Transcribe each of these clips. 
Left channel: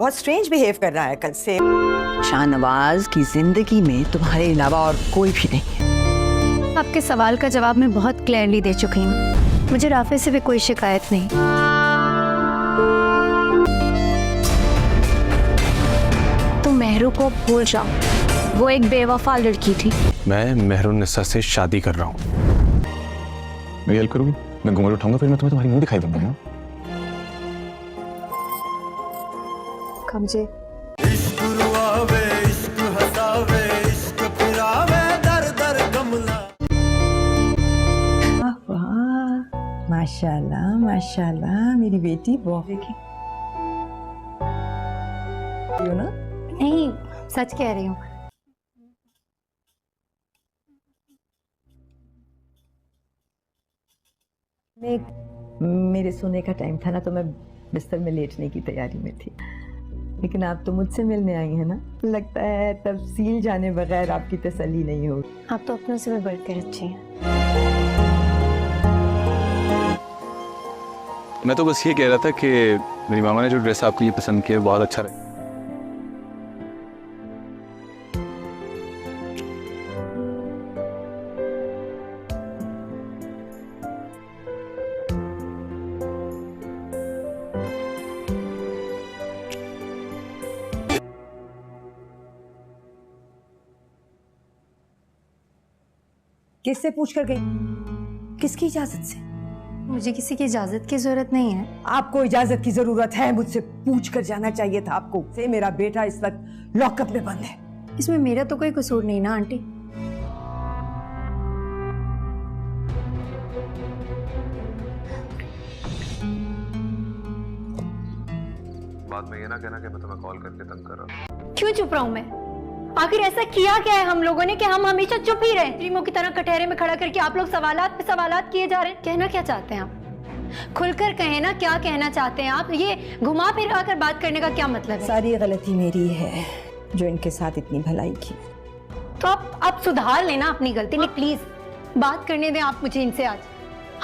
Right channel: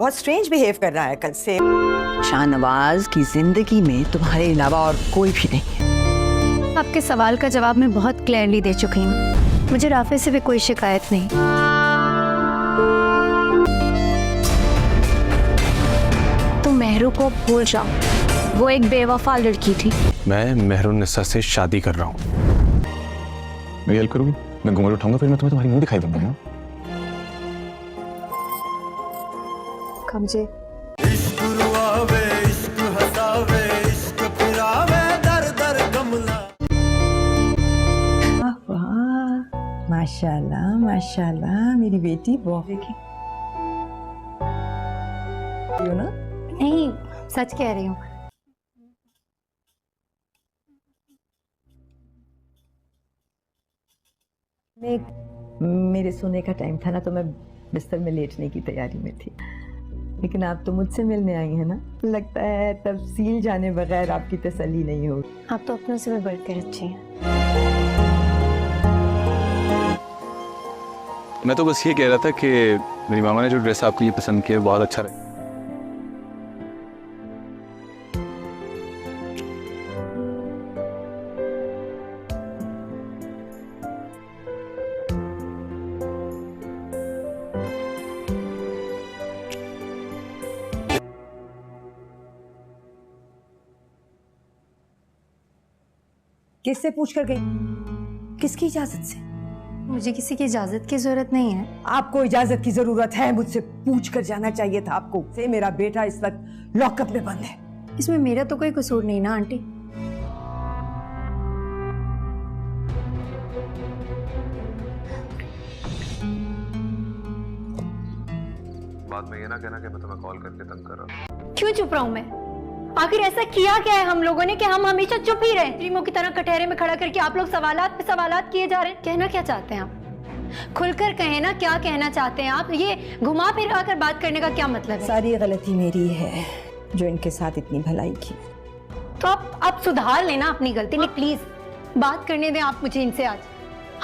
बहुत strange behave कर रहा है कल से। शाहनवाज की जिंदगी में तुम्हारे अलावा और कोई भी नहीं है। आपके सवाल का जवाब मैं बहुत क्लियरली दे चुकी हूँ। मुझे राफे से भी कोई शिकायत नहीं। तुम मेहरू को भूल जाओ, वो एक बेवफा लड़की थी। मैं मेहरुन्निसा से शादी कर रहा हूँ। मेरी हेल्प करोगी? मैं घूंघट उठाऊंगा, फिर मैं तुम्हें तुम्हारी मुंह दिखाई दूंगा ना। कमजे माशाल्लाह माशाल्लाह, मेरी बेटी बहुत देखी ना। नहीं, सच कह रही हूँ। मेरे सोने का टाइम था ना, तो मैं बिस्तर में लेटने की तैयारी में थी, लेकिन आप तो मुझसे मिलने आई हैं ना। लगता है तफसील जाने बगैर आपकी तसल्ली नहीं होगी। आप तो अपनों से भी बढ़कर अच्छी हैं। मैं तो बस ये कह रहा था कि मेरी मामा ने जो ड्रेस आपके लिए पसंद किया बहुत अच्छा रहा। किससे पूछ कर गई? किसकी इजाजत से? मुझे किसी की इजाजत की जरूरत नहीं है। आपको इजाजत की जरूरत है, मुझसे पूछ कर जाना चाहिए था आपको। से मेरा बेटा इस वक्त लॉकअप में बंद है। इसमें मेरा तो कोई कसूर नहीं ना आंटी। बाद में ये ना कहना कि मैं तुम्हें कॉल करके तंग कर रहा हूँ। क्यों चुप रहा हूं मैं? आखिर ऐसा किया क्या है हम लोगों ने कि हम हमेशा चुप ही रहे? रीमो की तरह कटहरे में खड़ा करके आप लोग सवालात पे सवालात किए जा रहे हैं। कहना क्या चाहते हैं आप? खुलकर कहें ना, क्या कहना चाहते हैं आप? ये घुमा फिरा कर बात करने का क्या मतलब है? सारी गलती मेरी है जो इनके साथ इतनी भलाई की। तो आप सुधार लेना अपनी गलती। नहीं, प्लीज बात करने दें आप मुझे इनसे। आज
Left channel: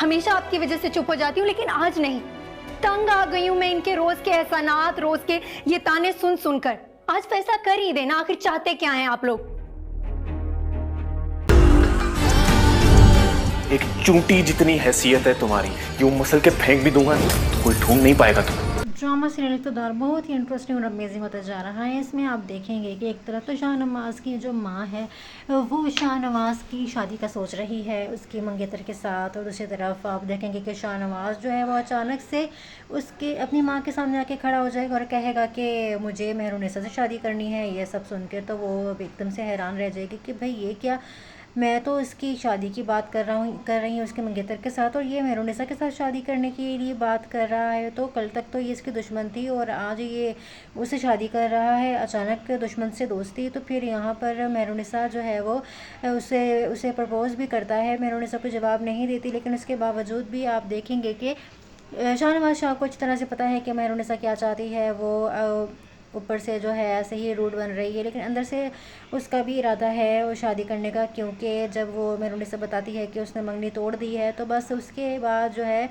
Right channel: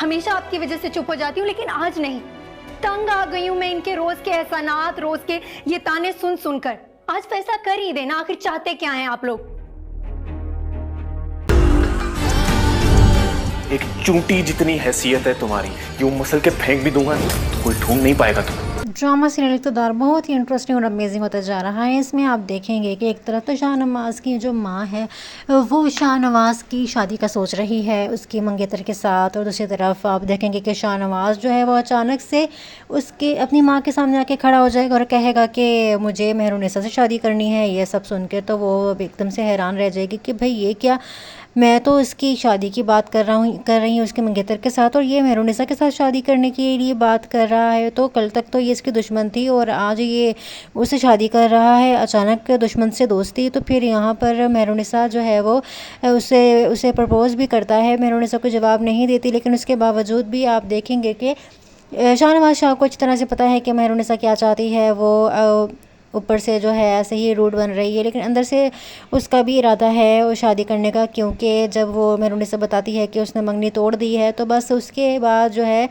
हमेशा आपकी वजह से चुप हो जाती हूँ, लेकिन आज नहीं। तंग आ गई हूँ मैं इनके रोज के एहसानात, रोज के ये ताने सुन सुनकर। आज फैसला कर ही देना, आखिर चाहते क्या हैं आप लोग? एक चूंटी जितनी हैसियत है तुम्हारी, यूं मसल के फेंक भी दूंगा तो कोई ढूंढ नहीं पाएगा तुम्हें। ड्रामा सीरियल इक़्तिदार बहुत ही इंटरेस्टिंग और अमेजिंग होता जा रहा है। इसमें आप देखेंगे कि एक तरफ तो शाहनवाज की जो माँ है वो शाहनवाज की शादी का सोच रही है उसकी मंगेतर के साथ, और दूसरी तरफ आप देखेंगे कि शाहनवाज जो है वो अचानक से उसके अपनी माँ के सामने आके खड़ा हो जाएगा और कहेगा कि मुझे मेहरुन्निसा से शादी करनी है। ये सब सुन के तो वो एकदम से हैरान रह जाएगी कि भाई ये क्या, मैं तो इसकी शादी की बात कर रही हूँ उसके मंगेतर के साथ, और ये मेहरुन्निसा के साथ शादी करने के लिए बात कर रहा है। तो कल तक तो ये इसकी दुश्मन थी और आज ये उससे शादी कर रहा है। अचानक दुश्मन से दोस्ती। तो फिर यहाँ पर मेहरुन्निसा जो है वो उसे प्रपोज़ भी करता है। मेहरुन्निसा को जवाब नहीं देती, लेकिन उसके बावजूद भी आप देखेंगे कि शाहनवाज शाह को अच्छी तरह से पता है कि मेहरुन्निसा क्या चाहती है। वो ऊपर से जो है ऐसे ही रूड बन रही है, लेकिन अंदर से उसका भी इरादा है वो शादी करने का, क्योंकि जब वो मेहरुन्निसा बताती है कि उसने मंगनी तोड़ दी है, तो बस उसके बाद जो है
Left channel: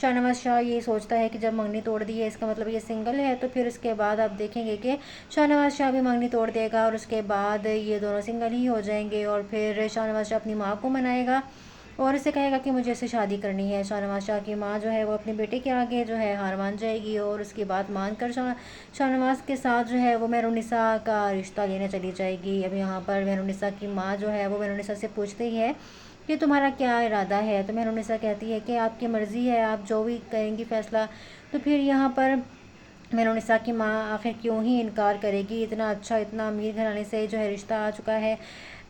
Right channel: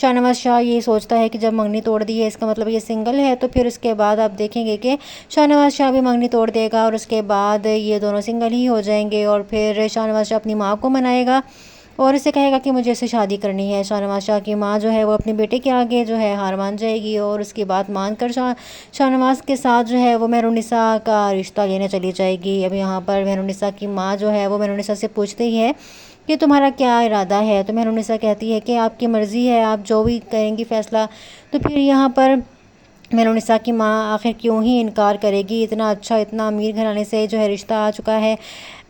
शाहनवाज शाह ये सोचता है कि जब मंगनी तोड़ दी है इसका मतलब ये सिंगल है। तो फिर उसके बाद आप देखेंगे कि शाहनवाज शाह भी मंगनी तोड़ देगा और उसके बाद ये दोनों सिंगल ही हो जाएंगे। और फिर शाहनवाज शाह अपनी माँ को मनाएगा और इसे कहेगा कि मुझे इससे शादी करनी है। शाहनवाज शाह की माँ जो है वो अपने बेटे के आगे जो है हार मान जाएगी और उसकी बात मानकर शाहनवाज के साथ जो है वो मेहरुन्निसा का रिश्ता लेने चली जाएगी। अब यहाँ पर मेहरुन्निसा की माँ जो है वो मेहरुन्निसा से पूछती है कि तुम्हारा क्या इरादा है? तो मेहरुन्निसा कहती है कि आपकी मर्ज़ी है, आप जो भी करेंगी फ़ैसला। तो फिर यहाँ पर मेहरुन्निसा की माँ आखिर क्यों ही इनकार करेगी? इतना अच्छा, इतना अमीर घराने से जो है रिश्ता आ चुका है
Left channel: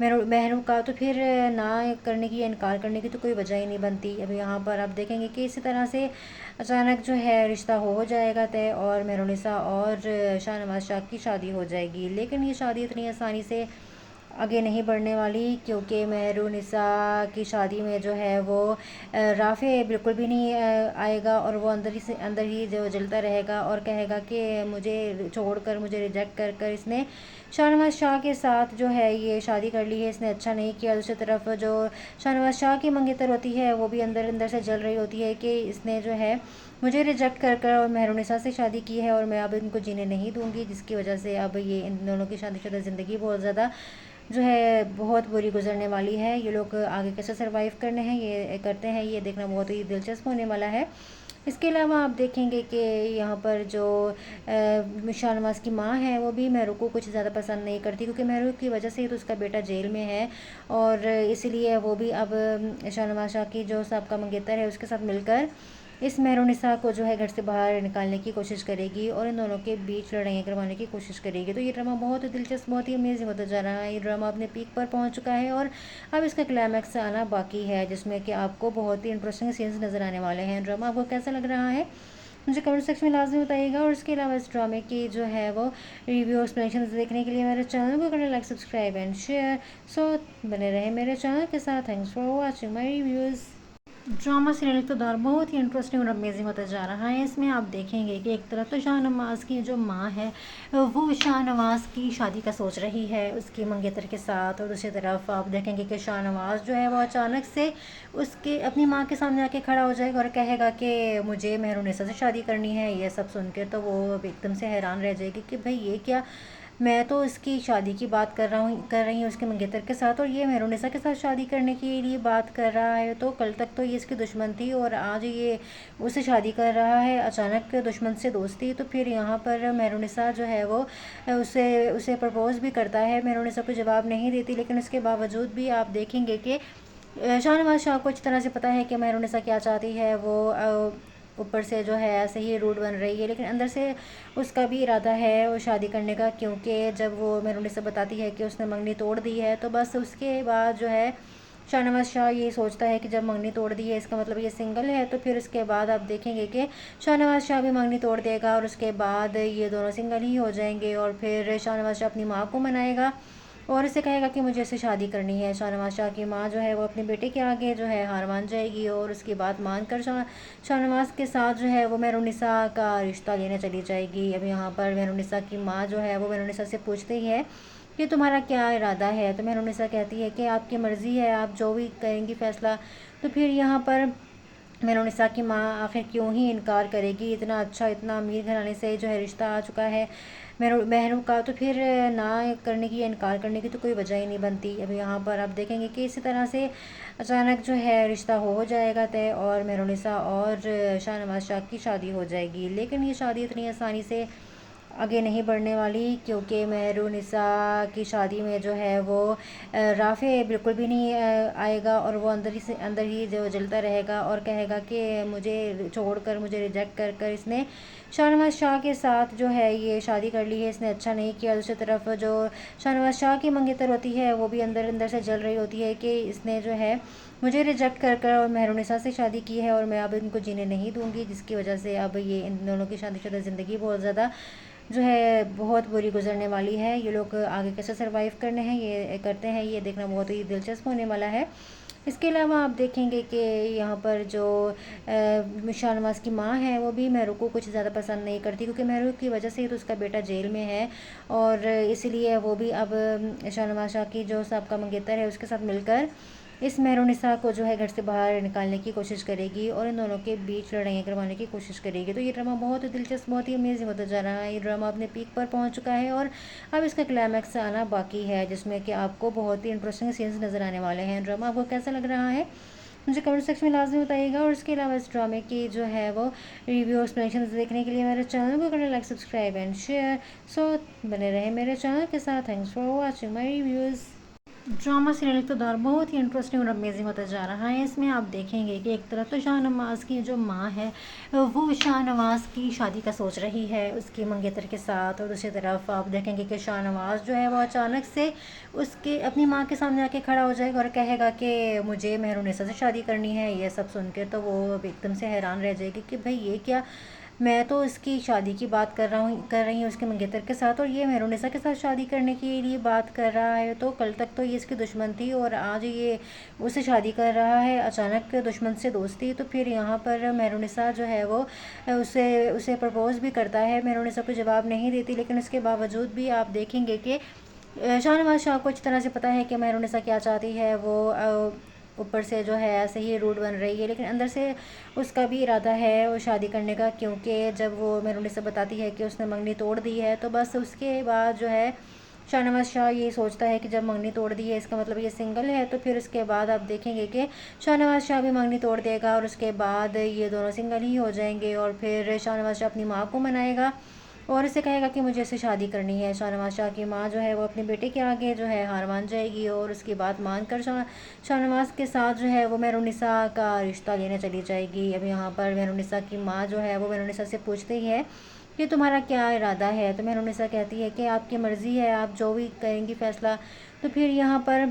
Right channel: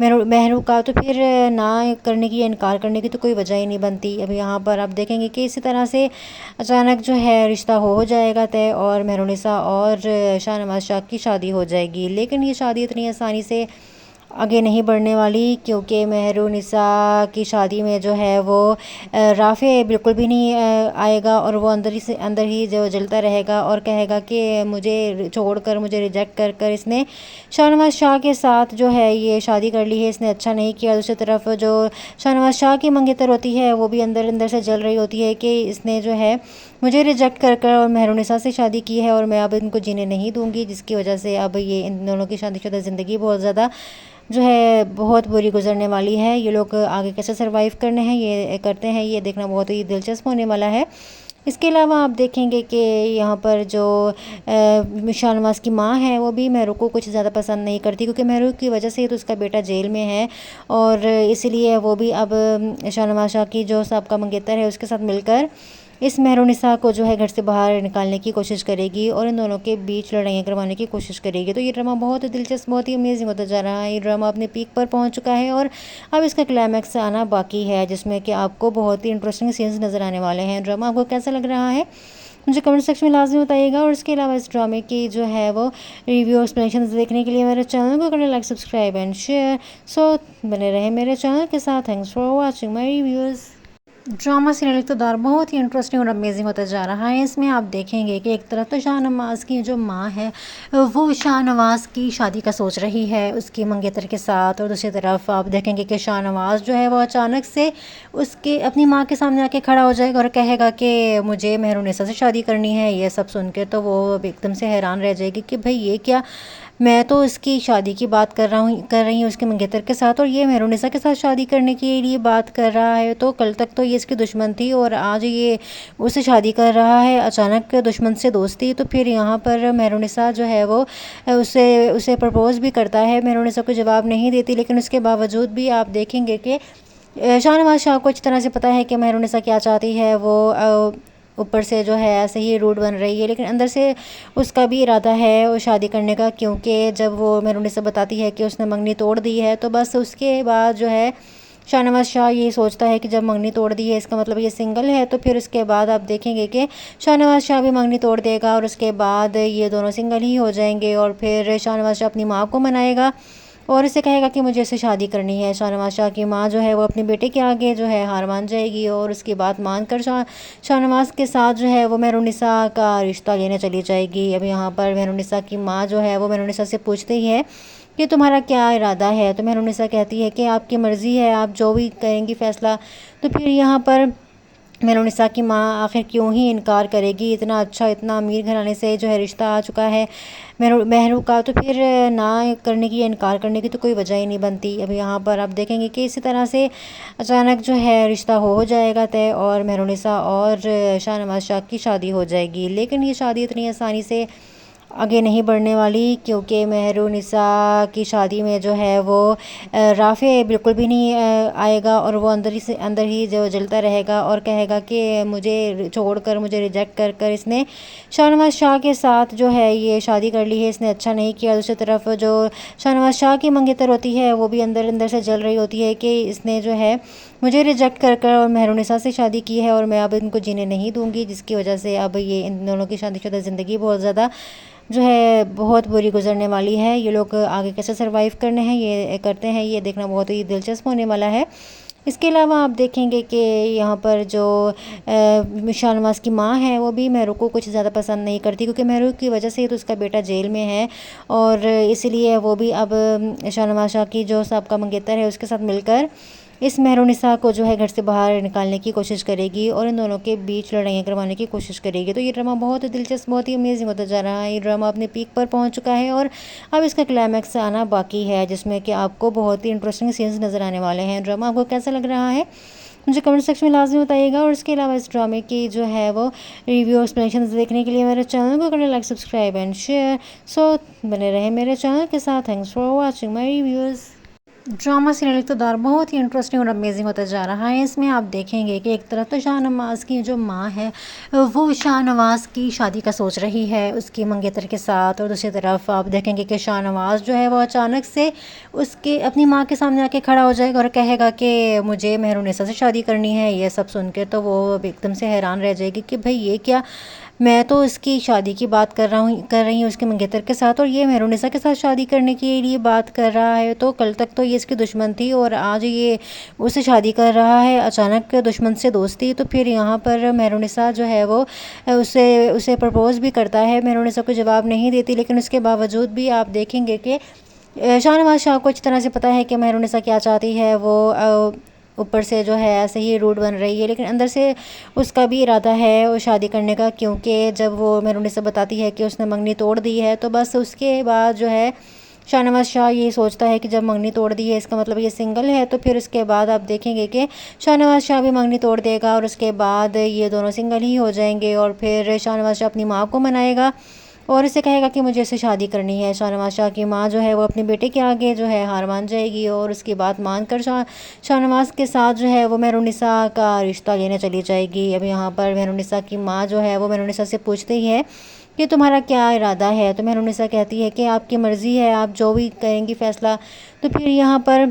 मेहरू का, तो फिर ना करने की या इनकार करने की तो कोई वजह ही नहीं बनती। अब यहाँ पर आप देखेंगे कि इसी तरह से अचानक जो है रिश्ता हो जाएगा तय और मेहरुन्निसा और शाहनवाज शाह की शादी हो जाएगी। लेकिन ये शादी इतनी आसानी से आगे नहीं बढ़ने वाली, क्योंकि मेहरुन्निसा की शादी में जो है वो राफ़े बिल्कुल भी नहीं आएगा और वो अंदर ही जो जलता रहेगा और कहेगा कि मुझे छोड़कर, मुझे रिजेक्ट कर कर इसने शाहनवाज शाह के साथ जो है ये शादी कर ली है, इसने अच्छा नहीं किया। दूसरी तरफ जो शाहनवाज शाह की मंगेतर होती है वो भी अंदर अंदर से जल रही होती है कि इसने जो है मुझे रिजेक्ट कर कर और मेहरुनिसा से शादी की है और मैं अब इनको जीने नहीं दूंगी, जिसकी वजह से अब ये इन दोनों की शादीशुदा ज़िंदगी बहुत ज़्यादा जो है बहुत बुरी गुजरने वाली है। ये लोग आगे कैसे सरवाइव करने हैं ये करते हैं, ये देखना बहुत ही दिलचस्प होने वाला है। इसके अलावा आप देखेंगे कि यहाँ पर जो शाहनवाज की माँ है वो भी मेहरू को कुछ ज़्यादा पसंद नहीं करती, क्योंकि मेहरू की वजह से तो उसका बेटा जेल में है और इसलिए वो भी अब शाहनवाज शाह की जो साहब का मंगेतर है उसके साथ मिलकर इस मेहरुनिसा को जो है घर से बाहर निकालने की कोशिश करेगी और इन दोनों के बीच लड़ाइयाँ करवाने की कोशिश करेगी। तो ये ड्रामा बहुत दिलचस्प, बहुत ही अमेजिंग होता जा रहा है। ये ड्रामा अपने पीक पर पहुंच चुका है और अब इसका क्लाइमैक्स आना बाकी है, जिसमें कि आपको बहुत ही इंटरेस्टिंग सीन्स नज़र आने वाले हैं। ड्रामा आपको कैसा लग रहा है मुझे कमेंट सेक्शन में लाजमी बताइएगा। और इसके अलावा इस ड्रामे की जो है वो रिव्यू एक्सप्लेनेशन देखने के लिए मेरे चैनल को करें like, subscribe and share. So बने रहे मेरे चैनल के साथ। Thanks for watching my reviews. Drama serial Iqtidar बहुत ही इंटरेस्टिंग और अमेजिंग होता जा रहा है। इसमें आप देखेंगे कि एक तरफ तो शाहनवाज की जो माँ है वो शाहनवाज की शादी का सोच रही है उसकी मंगेतर के साथ, और दूसरी तरफ आप देखेंगे कि शाहनवाज जो है वो अचानक से उसके अपनी माँ के सामने आके खड़ा हो जाएगा और कहेगा कि मुझे मेहरुनिसा से शादी करनी है। ये सब सुन के तो वो एकदम से हैरान रह जाएगी कि भाई ये क्या, मैं तो इसकी शादी की बात कर रही हूँ उसके मंगेतर के साथ, और ये मेहरुनिसा के साथ शादी करने के लिए बात कर रहा है। तो कल तक तो ये इसकी दुश्मन थी और आज ये उससे शादी कर रहा है, अचानक दुश्मन से दोस्ती। तो फिर यहाँ पर मेहरुनिसा जो है वो उसे प्रपोज़ भी करता है। मेहरुनिसा को जवाब नहीं देती, लेकिन उसके बावजूद भी आप देखेंगे कि शाहनवाज शाह को अच्छी तरह से पता है कि मेहरुनिसा क्या चाहती है। वो ऊपर से जो है ऐसे ही रूड बन रही है, लेकिन अंदर से उसका भी इरादा है वो शादी करने का, क्योंकि जब वो मेहरुनिसा बताती है कि उसने मंगनी तोड़ दी है तो बस उसके बाद जो है शाहनवाज शाह ये सोचता है कि जब मंगनी तोड़ दी है इसका मतलब ये सिंगल है। तो फिर उसके बाद आप देखेंगे कि शाहनवाज शाह भी मंगनी तोड़ देगा और उसके बाद ये दोनों सिंगल ही हो जाएंगे। और फिर शाहनवाज शाह अपनी माँ को मनाएगा और इसे कहेगा कि मुझे इससे शादी करनी है। शाहनवाज शाह की माँ जो है वो अपने बेटे के आगे जो है हार मान जाएगी और उसकी बात मानकर शाहनवाज के साथ जो है वो मेहरुनिसा का रिश्ता लेने चली जाएगी। अब यहाँ पर मेहरुनिसा की माँ जो है वो मेहरुनिसा से पूछती ही है कि तुम्हारा क्या इरादा है। तो मेहरुनिसा कहती है कि आपकी मर्ज़ी है, आप जो भी करेंगी फ़ैसला। तो फिर यहाँ पर मेहरुनिसा की माँ आखिर क्यों ही इनकार करेगी, इतना अच्छा इतना अमीर घराने से जो है रिश्ता आ चुका है मेहरू का, तो फिर ना करने की या इनकार करने की तो कोई वजह ही नहीं बनती। अब यहाँ पर आप देखेंगे कि इसी तरह से अचानक जो है रिश्ता हो जाएगा तय और मेहरुनिसा और शाहनवाज शाह की शादी हो जाएगी। लेकिन ये शादी इतनी आसानी से आगे नहीं बढ़ने वाली, क्योंकि मेहरुनिसा की शादी में जो है वो राफ़े बिल्कुल भी नहीं आएगा और वो अंदर ही जो जलता रहेगा और कहेगा कि मुझे छोड़कर, मुझे रिजेक्ट कर कर इसने शाहनवाज शाह के साथ जो है ये शादी कर ली है, इसने अच्छा नहीं किया। दूसरी तरफ जो शाहनवाज शाह की मंगेतर होती है वो भी अंदर अंदर से जल रही होती है कि इसने जो है मुझे रिजेक्ट कर कर और मेहरुनिसा से शादी की है और मैं अब इनको जीने नहीं दूंगी, जिसकी वजह से अब ये इन दोनों की शादीशुदा ज़िंदगी बहुत ज़्यादा जो है बहुत बुरी गुजरने वाली है। ये लोग आगे कैसे सरवाइव करने हैं ये करते हैं, ये देखना बहुत ही दिलचस्प होने वाला है। इसके अलावा आप देखेंगे कि यहाँ पर जो शाहनवाज की माँ है वो भी मेहरू को कुछ ज़्यादा पसंद नहीं करती, क्योंकि मेहरू की वजह से तो उसका बेटा जेल में है और इसलिए वो भी अब शाहनवाज शाह की जो साहब का मंगेतर है उसके साथ मिलकर इस मेहरुनिसा को जो है घर से बाहर निकालने की कोशिश करेगी और इन दोनों के बीच लड़ाइयाँ करवाने की कोशिश करेगी। तो ये ड्रामा बहुत दिलचस्प, बहुत ही अमेजिंग होता जा रहा है। ये ड्रामा अपने पीक पर पहुंच चुका है और अब इसका क्लाइमैक्स आना बाकी है, जिसमें कि आपको बहुत ही इंटरेस्टिंग सीन्स नज़र आने वाले हैं। ड्रामा आपको कैसा लग रहा है मुझे कमेंट सेक्शन में लाजमी बताइएगा। और इसके अलावा इस ड्रामे की जो है वो रिव्यू एक्सप्लेनेशन देखने के लिए मेरे चैनल को करें like, subscribe and share. So बने रहे मेरे चैनल के साथ। Thanks for watching my reviews. Drama serial Iqtidar बहुत ही इंटरेस्टिंग और अमेजिंग होता जा रहा है। इसमें आप देखेंगे कि एक तरफ तो शाहनवाज की जो माँ है वो शाहनवाज की शादी का सोच रही है उसकी मंगेतर के साथ, और दूसरी तरफ आप देखेंगे कि शाहनवाज जो है वो अचानक से उसके अपनी माँ के सामने आके खड़ा हो जाएगा और कहेगा कि मुझे मेहरुनिसा से शादी करनी है। ये सब सुन के तो वो एकदम से हैरान रह जाएगी कि भाई ये क्या, मैं तो इसकी शादी की बात कर रही हूँ उसके मंगेतर के साथ, और ये मेहरुनिसा के साथ शादी करने के लिए बात कर रहा है। तो कल तक तो ये इसकी दुश्मन थी और आज ये उससे शादी कर रहा है, अचानक दुश्मन से दोस्ती। तो फिर यहाँ पर मेहरुनिसा जो है वो उसे प्रपोज़ भी करता है। मेहरुनिसा को जवाब नहीं देती, लेकिन उसके बावजूद भी आप देखेंगे कि शाहनवाज शाह को अच्छी तरह से पता है कि मेहरुनिसा क्या चाहती है। वो ऊपर से जो है ऐसे ही रूड बन रही है, लेकिन अंदर से उसका भी इरादा है वो शादी करने का, क्योंकि जब वो मेहरुनिसा बताती है कि उसने मंगनी तोड़ दी है, तो बस उसके बाद जो है शाहनवाज शाह ये सोचता है कि जब मंगनी तोड़ दी है इसका मतलब ये सिंगल है, तो फिर उसके बाद आप देखेंगे कि शाहनवाज शाह भी मंगनी तोड़ देगा और उसके बाद ये दोनों सिंगल ही हो जाएंगे। और फिर शाहनवाज शाह अपनी माँ को मनाएगा और इसे कहेगा कि मुझे इससे शादी करनी है। शाहनवाज शाह की माँ जो है वो अपने बेटे के आगे जो है हार मान जाएगी और उसकी बात मानकर शाहनवाज के साथ जो है वो मेहरुनिसा का रिश्ता लेने चली जाएगी। अब यहाँ पर मेहरुनिसा की माँ जो है वो मेहरुनिसा से पूछते ही है कि तुम्हारा क्या इरादा है, तो मेहरुनिसा कहती है कि आपकी मर्ज़ी है, आप जो भी करेंगी फ़ैसला। तो फिर यहाँ पर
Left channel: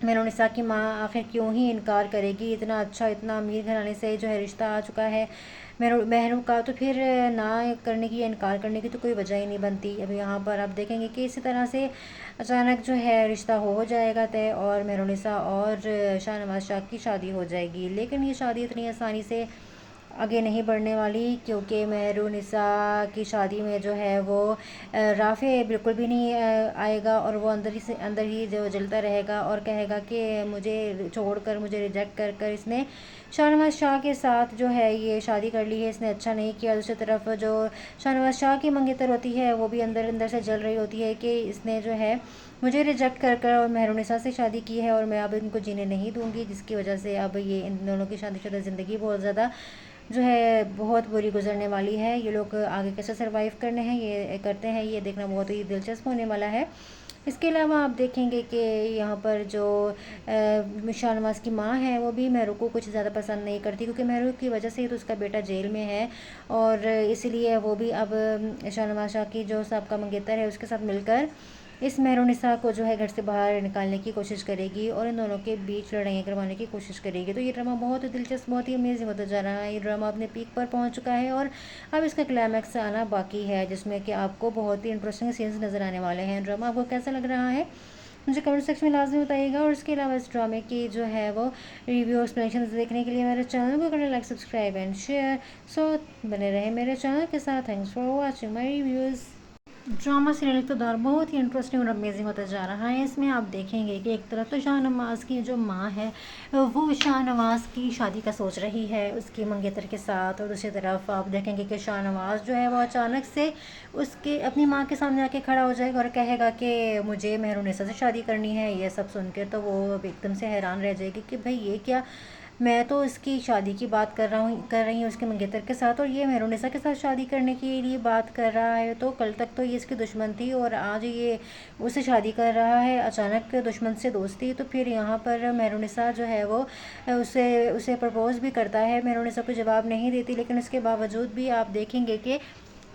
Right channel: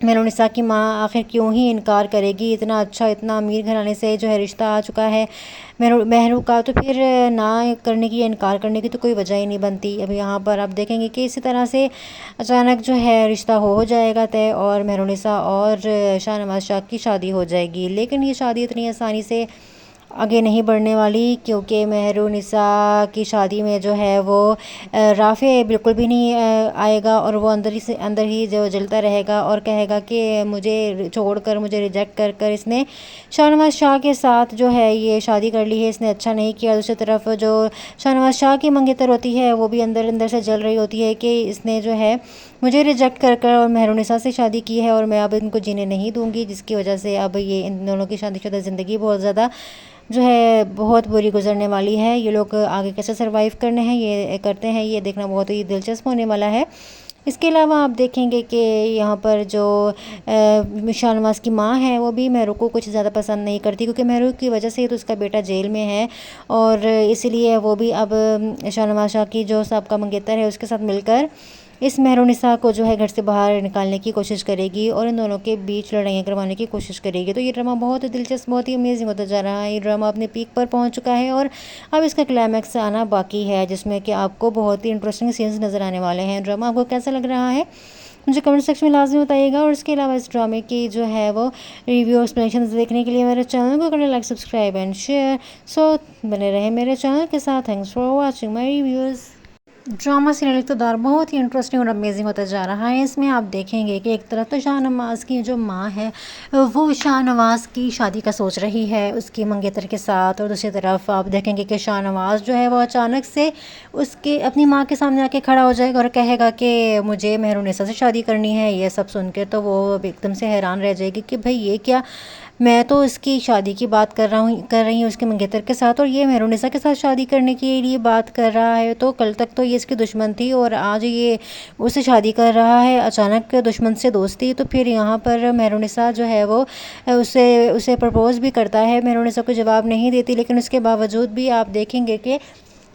मेहरुनिसा की माँ आखिर क्यों ही इनकार करेगी, इतना अच्छा इतना अमीर घराने से जो है रिश्ता आ चुका है महरू का, तो फिर ना करने की या इनकार करने की तो कोई वजह ही नहीं बनती। अब यहाँ पर आप देखेंगे कि इसी तरह से अचानक जो है रिश्ता हो जाएगा तय और मेहरुनिसा और शाहनवाज शाह की शादी हो जाएगी। लेकिन ये शादी इतनी आसानी से आगे नहीं बढ़ने वाली, क्योंकि मेहरुनिसा की शादी में जो है वो राफ़े बिल्कुल भी नहीं आएगा और वो अंदर ही जो जलता रहेगा और कहेगा कि मुझे छोड़कर मुझे रिजेक्ट कर कर इसने शाहनवाज शाह के साथ जो है ये शादी कर ली है, इसने अच्छा नहीं किया। दूसरी तरफ जो शाहनवाज शाह की मंगेतर होती है वो भी अंदर अंदर से जल रही होती है कि इसने जो है मुझे रिजेक्ट कर कर और मेहरुनिसा से शादी की है और मैं अब इनको जीने नहीं दूंगी, जिसकी वजह से अब ये इन दोनों की शादीशुदा ज़िंदगी बहुत ज़्यादा जो है बहुत बुरी गुजरने वाली है। ये लोग आगे कैसे सरवाइव करने हैं ये करते हैं, ये देखना बहुत ही दिलचस्प होने वाला है। इसके अलावा आप देखेंगे कि यहाँ पर जो शाहनवाज की माँ है वो भी मेहरू को कुछ ज़्यादा पसंद नहीं करती, क्योंकि मेहरू की वजह से तो उसका बेटा जेल में है और इसलिए वो भी अब शाहनवाज शाह की जो साहब का मंगेतर है उसके साथ मिलकर इस मेहरुनिसा को जो है घर से बाहर निकालने की कोशिश करेगी और इन दोनों के बीच लड़ाइयाँ करवाने की कोशिश करेगी। तो ये ड्रामा बहुत ही दिलचस्प बहुत ही अमेजिंग होता जा रहा है। ये ड्रामा अपने पीक पर पहुंच चुका है और अब इसका क्लाइमैक्स आना बाकी है, जिसमें कि आपको बहुत ही इंटरेस्टिंग सीन्स नज़र आने वाले हैं। ड्रामा आपको कैसा लग रहा है मुझे कमेंट सेक्शन में लाजमी बताइएगा। और इसके अलावा इस ड्रामे की जो है वो रिव्यू एक्सप्लेनेशन देखने के लिए मेरे चैनल को करें like subscribe and share. So बने रहे मेरे चैनल के साथ। Thanks for watching my reviews. Drama serial Iqtidar बहुत ही इंटरेस्टिंग और अमेजिंग होता जा रहा है। इसमें आप देखेंगे कि एक तरफ तो शाहनवाज की जो माँ है वो शाहनवाज की शादी का सोच रही है उसकी मंगेतर के साथ, और दूसरी तरफ आप देखेंगे कि शाहनवाज जो है वो अचानक से उसके अपनी माँ के सामने आके खड़ा हो जाएगा और कहेगा कि मुझे मेहरुनिसा से शादी करनी है। ये सब सुन के तो वो एकदम से हैरान रह जाएगी कि भाई ये क्या, मैं तो इसकी शादी की बात कर रही हूँ उसके मंगेतर के साथ और ये मेहरुनिसा के साथ शादी करने के लिए बात कर रहा है। तो कल तक तो ये इसकी दुश्मन थी और आज ये उससे शादी कर रहा है, अचानक दुश्मन से दोस्ती। तो फिर यहाँ पर मेहरुनिसा जो है वो उसे प्रपोज़ भी करता है। मेहरुनिसा को जवाब नहीं देती, लेकिन उसके बावजूद भी आप देखेंगे कि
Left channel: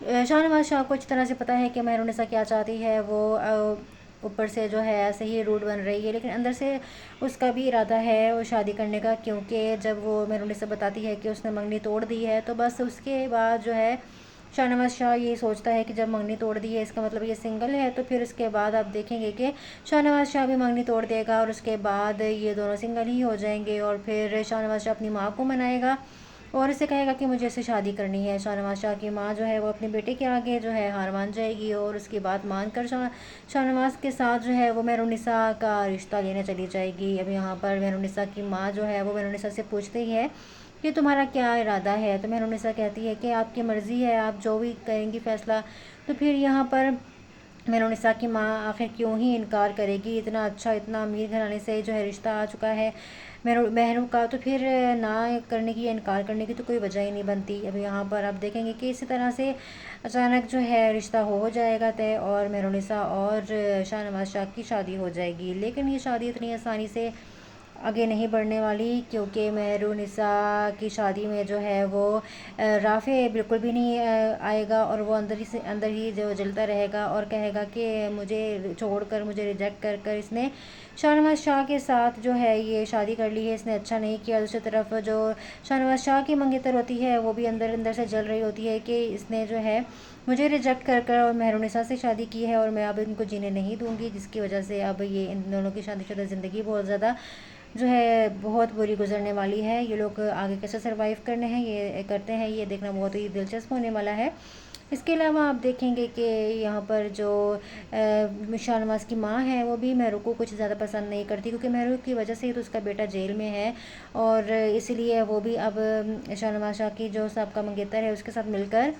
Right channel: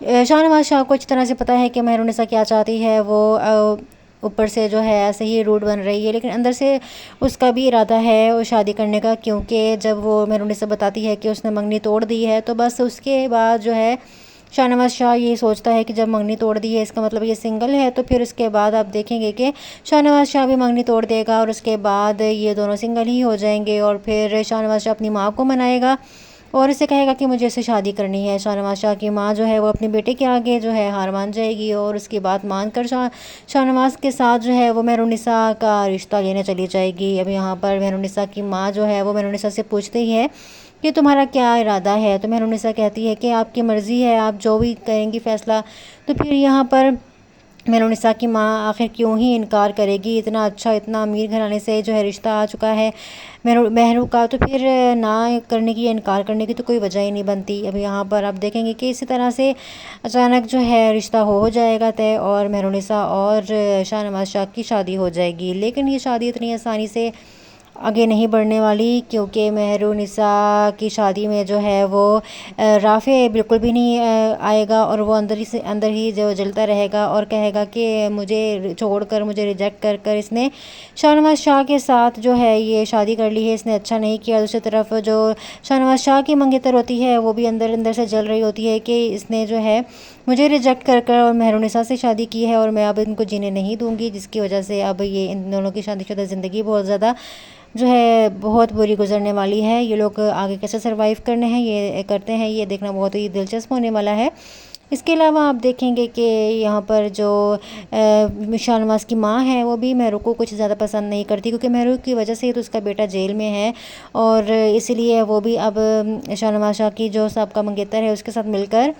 शाहनवाज शाह को अच्छी तरह से पता है कि मेहरुनिसा क्या चाहती है। वो ऊपर से जो है ऐसे ही रूड बन रही है, लेकिन अंदर से उसका भी इरादा है वो शादी करने का, क्योंकि जब वो मेहरुनिसा बताती है कि उसने मंगनी तोड़ दी है, तो बस उसके बाद जो है शाहनवाज शाह ये सोचता है कि जब मंगनी तोड़ दी है इसका मतलब ये सिंगल है। तो फिर उसके बाद आप देखेंगे कि शाहनवाज शाह भी मंगनी तोड़ देगा और उसके बाद ये दोनों सिंगल ही हो जाएंगे। और फिर शाहनवाज शाह अपनी माँ को मनाएगा और इसे कहेगा कि मुझे इससे शादी करनी है। शाहनवाज शाह की माँ जो है वो अपने बेटे के आगे जो है हार मान जाएगी और उसकी बात मानकर शाहनवाज के साथ जो है वो मेहरुनिसा का रिश्ता लेने चली जाएगी। अब यहाँ पर मेहरुनिसा की माँ जो है वो मेहरुनिसा से पूछते ही है कि तुम्हारा क्या इरादा है, तो मेहरुनिसा कहती है कि आपकी मर्ज़ी है, आप जो भी करेंगी फ़ैसला। तो फिर यहाँ पर मेहरुनिसा की माँ आखिर क्यों ही इनकार करेगी, इतना अच्छा इतना अमीर घराने से जो है रिश्ता आ चुका है महरू का, तो फिर ना करने की या इनकार करने की तो कोई वजह ही नहीं बनती। अब यहाँ पर आप देखेंगे कि इसी तरह से अचानक जो है रिश्ता हो जाएगा तय और मेहरुनिसा और शाहनवाज शाह की शादी हो जाएगी। लेकिन ये शादी इतनी आसानी से आगे नहीं बढ़ने वाली, क्योंकि मेहरुनिसा की शादी में जो है वो राफ़े बिल्कुल भी नहीं आएगा और वो अंदर ही जो जलता रहेगा और कहेगा कि मुझे छोड़कर मुझे रिजेक्ट कर कर इसने शाहनवाज शाह के साथ जो है ये शादी कर ली है, इसने अच्छा नहीं किया। दूसरी तरफ जो शाहनवाज शाह की मंगेतर होती है वो भी अंदर अंदर से जल रही होती है कि इसने जो है मुझे रिजेक्ट कर कर और मेहरुनिसा से शादी की है और मैं अब इनको जीने नहीं दूंगी, जिसकी वजह से अब ये इन दोनों की शादीशुदा ज़िंदगी बहुत ज़्यादा जो है बहुत बुरी गुजरने वाली है। ये लोग आगे कैसे सरवाइव करने हैं ये करते हैं, ये देखना बहुत ही दिलचस्प होने वाला है। इसके अलावा आप देखेंगे कि यहाँ पर जो शाहनवाज़ की माँ है वो भी मेहरू को कुछ ज़्यादा पसंद नहीं करती, क्योंकि मेहरू की वजह से तो उसका बेटा जेल में है और इसलिए वो भी अब शाहनवाज़ शाह की जो साहब का मंगेतर है उसके साथ मिलकर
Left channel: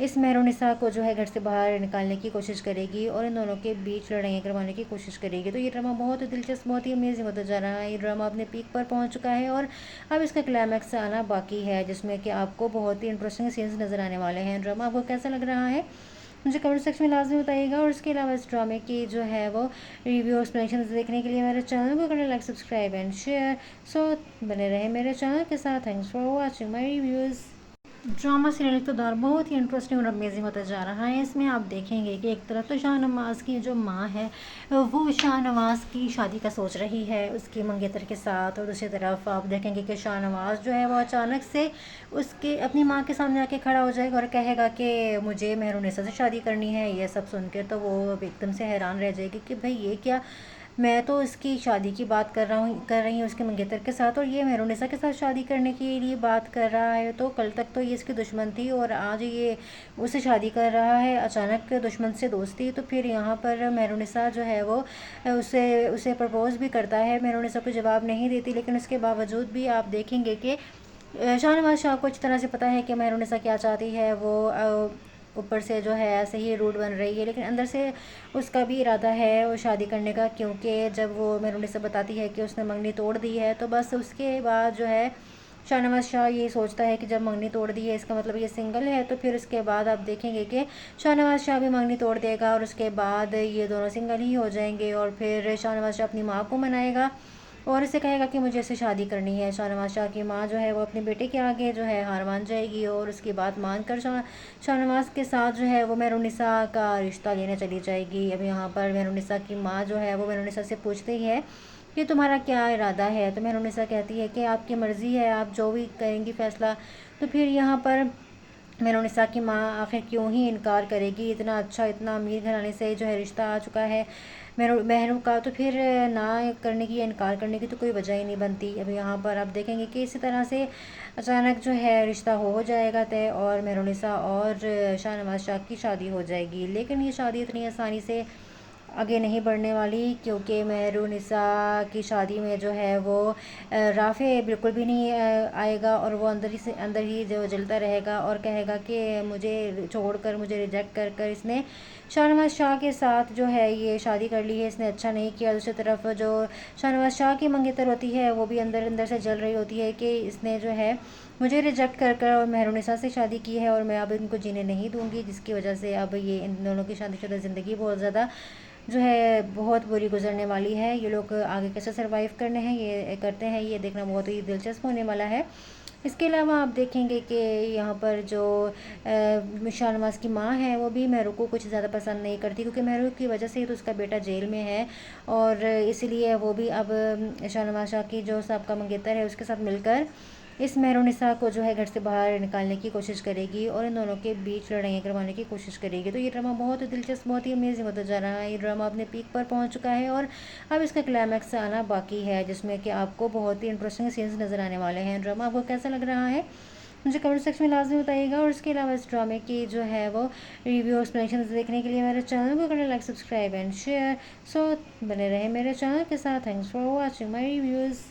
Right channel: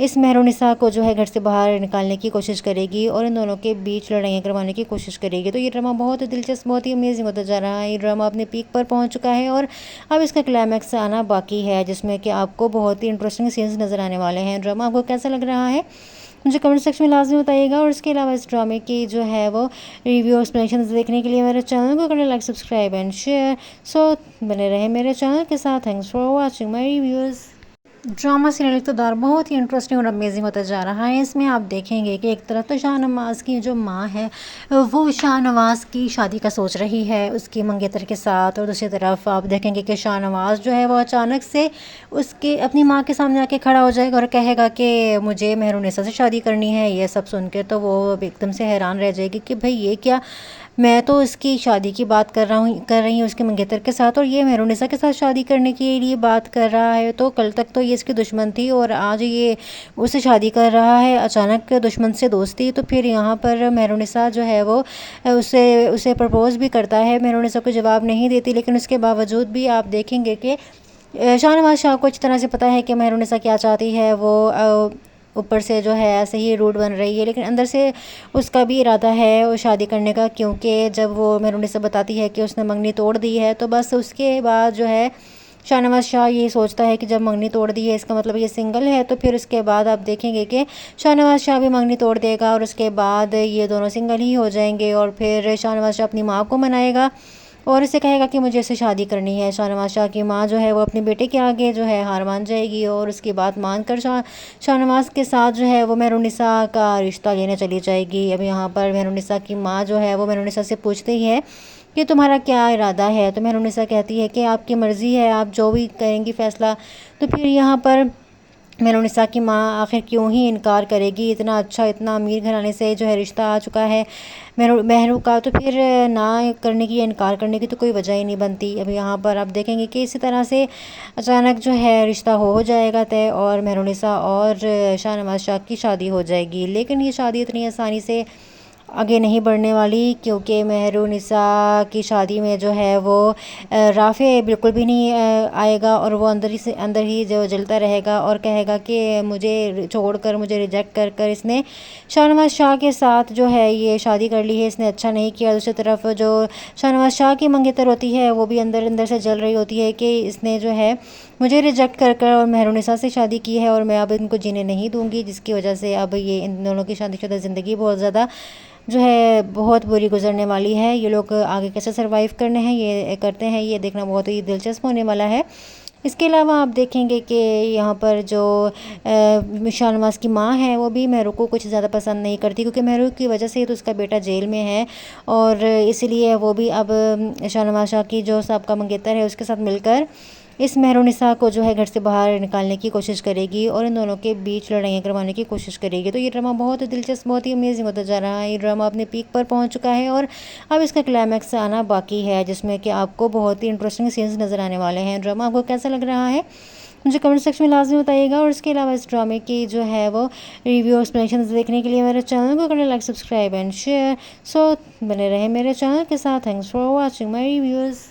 इस मेहरुनिसा को जो है घर से बाहर निकालने की कोशिश करेगी और इन दोनों के बीच लड़ाइयाँ करवाने की कोशिश करेगी। तो ये ड्रामा बहुत ही दिलचस्प, बहुत ही अमेजिंग होता जा रहा है। ये ड्रामा अपने पीक पर पहुंच चुका है और अब इसका क्लाइमैक्स आना बाकी है, जिसमें कि आपको बहुत ही इंटरेस्टिंग सीन्स नज़र आने वाले हैं। ड्रामा आपको कैसा लग रहा है मुझे कमेंट सेक्शन में लाजमी बताइएगा। और इसके अलावा इस ड्रामे की जो है वो रिव्यू एक्सप्लेनेशन देखने के लिए मेरे चैनल को करें like, subscribe and share. So बने रहे मेरे चैनल के साथ। Thanks for watching my reviews. Drama serial Iqtidar बहुत ही इंटरेस्टिंग और अमेजिंग होता जा रहा है। इसमें आप देखेंगे कि एक तरफ तो शाहनवाज़ की जो माँ है वो शाहनवाज़ की शादी का सोच रही है उसकी मंगेतर के साथ, और दूसरी तरफ आप देखेंगे कि शाहनवाज़ जो है वो अचानक से उसके अपनी माँ के सामने आके खड़ा हो जाएगा और कहेगा कि मुझे मेहरुनिसा से शादी करनी है। ये सब सुन के तो वो एकदम से हैरान रह जाएगी कि भाई ये क्या, मैं तो इसकी शादी की बात कर रही हूँ उसके मंगेतर के साथ, और ये मेहरुनिसा के साथ शादी करने के लिए बात कर रहा है। तो कल तक तो ये इसकी दुश्मन थी और आज ये उससे शादी कर रहा है, अचानक दुश्मन से दोस्ती। तो फिर यहाँ पर मेहरुनिसा जो है वो उसे प्रपोज़ भी करता है। मेहरुनिसा को जवाब नहीं देती, लेकिन उसके बावजूद भी आप देखेंगे कि शाहनवाज़ शाह को अच्छी तरह से पता है कि मेहरुनिसा क्या चाहती है। वो ऊपर से जो है ऐसे ही रूड बन रही है, लेकिन अंदर से उसका भी इरादा है वो शादी करने का, क्योंकि जब वो मेहरुनिसा बताती है कि उसने मंगनी तोड़ दी है, तो बस उसके बाद जो है शाहनवाज़ शाह ये सोचता है कि जब मंगनी तोड़ दी है इसका मतलब ये सिंगल है। तो फिर उसके बाद आप देखेंगे कि शाहनवाज़ शाह भी मंगनी तोड़ देगा और उसके बाद ये दोनों सिंगल ही हो जाएंगे। और फिर शाहनवाज़ शाह अपनी माँ को मनाएगा और इसे कहेगा कि मुझे इससे शादी करनी है। शाहनवाज़ शाह की माँ जो है वो अपने बेटे के आगे जो है हार मान जाएगी और उसकी बात मानकर शाहनवाज़ के साथ जो है वो मेहरुनिसा का रिश्ता लेने चली जाएगी। अब यहाँ पर मेहरुनिसा की माँ जो है वो मेहरुनिसा से पूछती है कि तुम्हारा क्या इरादा है। तो मेहरुनिसा कहती है कि आपकी मर्ज़ी है, आप जो भी करेंगी फ़ैसला। तो फिर यहाँ पर मेहरुनिसा की माँ आखिर क्यों ही इनकार करेगी, इतना अच्छा इतना अमीर घराने से जो है रिश्ता आ चुका है मेहरू का, तो फिर ना करने की या इनकार करने की तो कोई वजह ही नहीं बनती। अब यहाँ पर आप देखेंगे कि इसी तरह से अचानक जो है रिश्ता हो जाएगा तय और मेहरुनिसा और शाहनवाज़ शाह की शादी हो जाएगी। लेकिन ये शादी इतनी आसानी से आगे नहीं बढ़ने वाली, क्योंकि मेहरुनिसा की शादी में जो है वो राफ़े बिल्कुल भी नहीं आएगा और वो अंदर ही जो जलता रहेगा और कहेगा कि मुझे छोड़कर, मुझे रिजेक्ट कर कर इसने शाहनवाज़ शाह के साथ जो है ये शादी कर ली है, इसने अच्छा नहीं किया। दूसरी तरफ जो शाहनवाज़ शाह की मंगेतर होती है वो भी अंदर अंदर से जल रही होती है कि इसने जो है मुझे रिजेक्ट कर कर और मेहरुनिसा से शादी की है और मैं अब इनको जीने नहीं दूंगी, जिसकी वजह से अब ये इन दोनों की शादीशुदा ज़िंदगी बहुत ज़्यादा जो है बहुत बुरी गुजरने वाली है। ये लोग आगे कैसे सरवाइव करते हैं ये देखना बहुत ही दिलचस्प होने वाला है। इसके अलावा आप देखेंगे कि यहाँ पर जो शाहनवाज़ की माँ है वो भी मेहरू को कुछ ज़्यादा पसंद नहीं करती, क्योंकि मेहरू की वजह से तो उसका बेटा जेल में है और इसलिए वो भी अब शाहनवाज़ शाह की जो साहब का मंगेतर है उसके साथ मिलकर इस मेहरुनिसा को जो है घर से बाहर निकालने की कोशिश करेगी और इन दोनों के बीच लड़ाइयाँ करवाने की कोशिश करेगी। तो ये ड्रामा बहुत ही दिलचस्प, बहुत ही अमेजिंग होता जा रहा है। ये ड्रामा अपने पीक पर पहुंच चुका है और अब इसका क्लाइमैक्स आना बाकी है, जिसमें कि आपको बहुत ही इंटरेस्टिंग सीन्स नज़र आने वाले हैं। ड्रामा आपको कैसा लग रहा है मुझे कमेंट सेक्शन में लाजमी बताइएगा। और इसके अलावा इस ड्रामे की जो है वो रिव्यू एक्सप्लेनेशन देखने के लिए मेरे चैनल को करें like, subscribe and share. So बने रहे मेरे चैनल के साथ। Thanks for watching my reviews.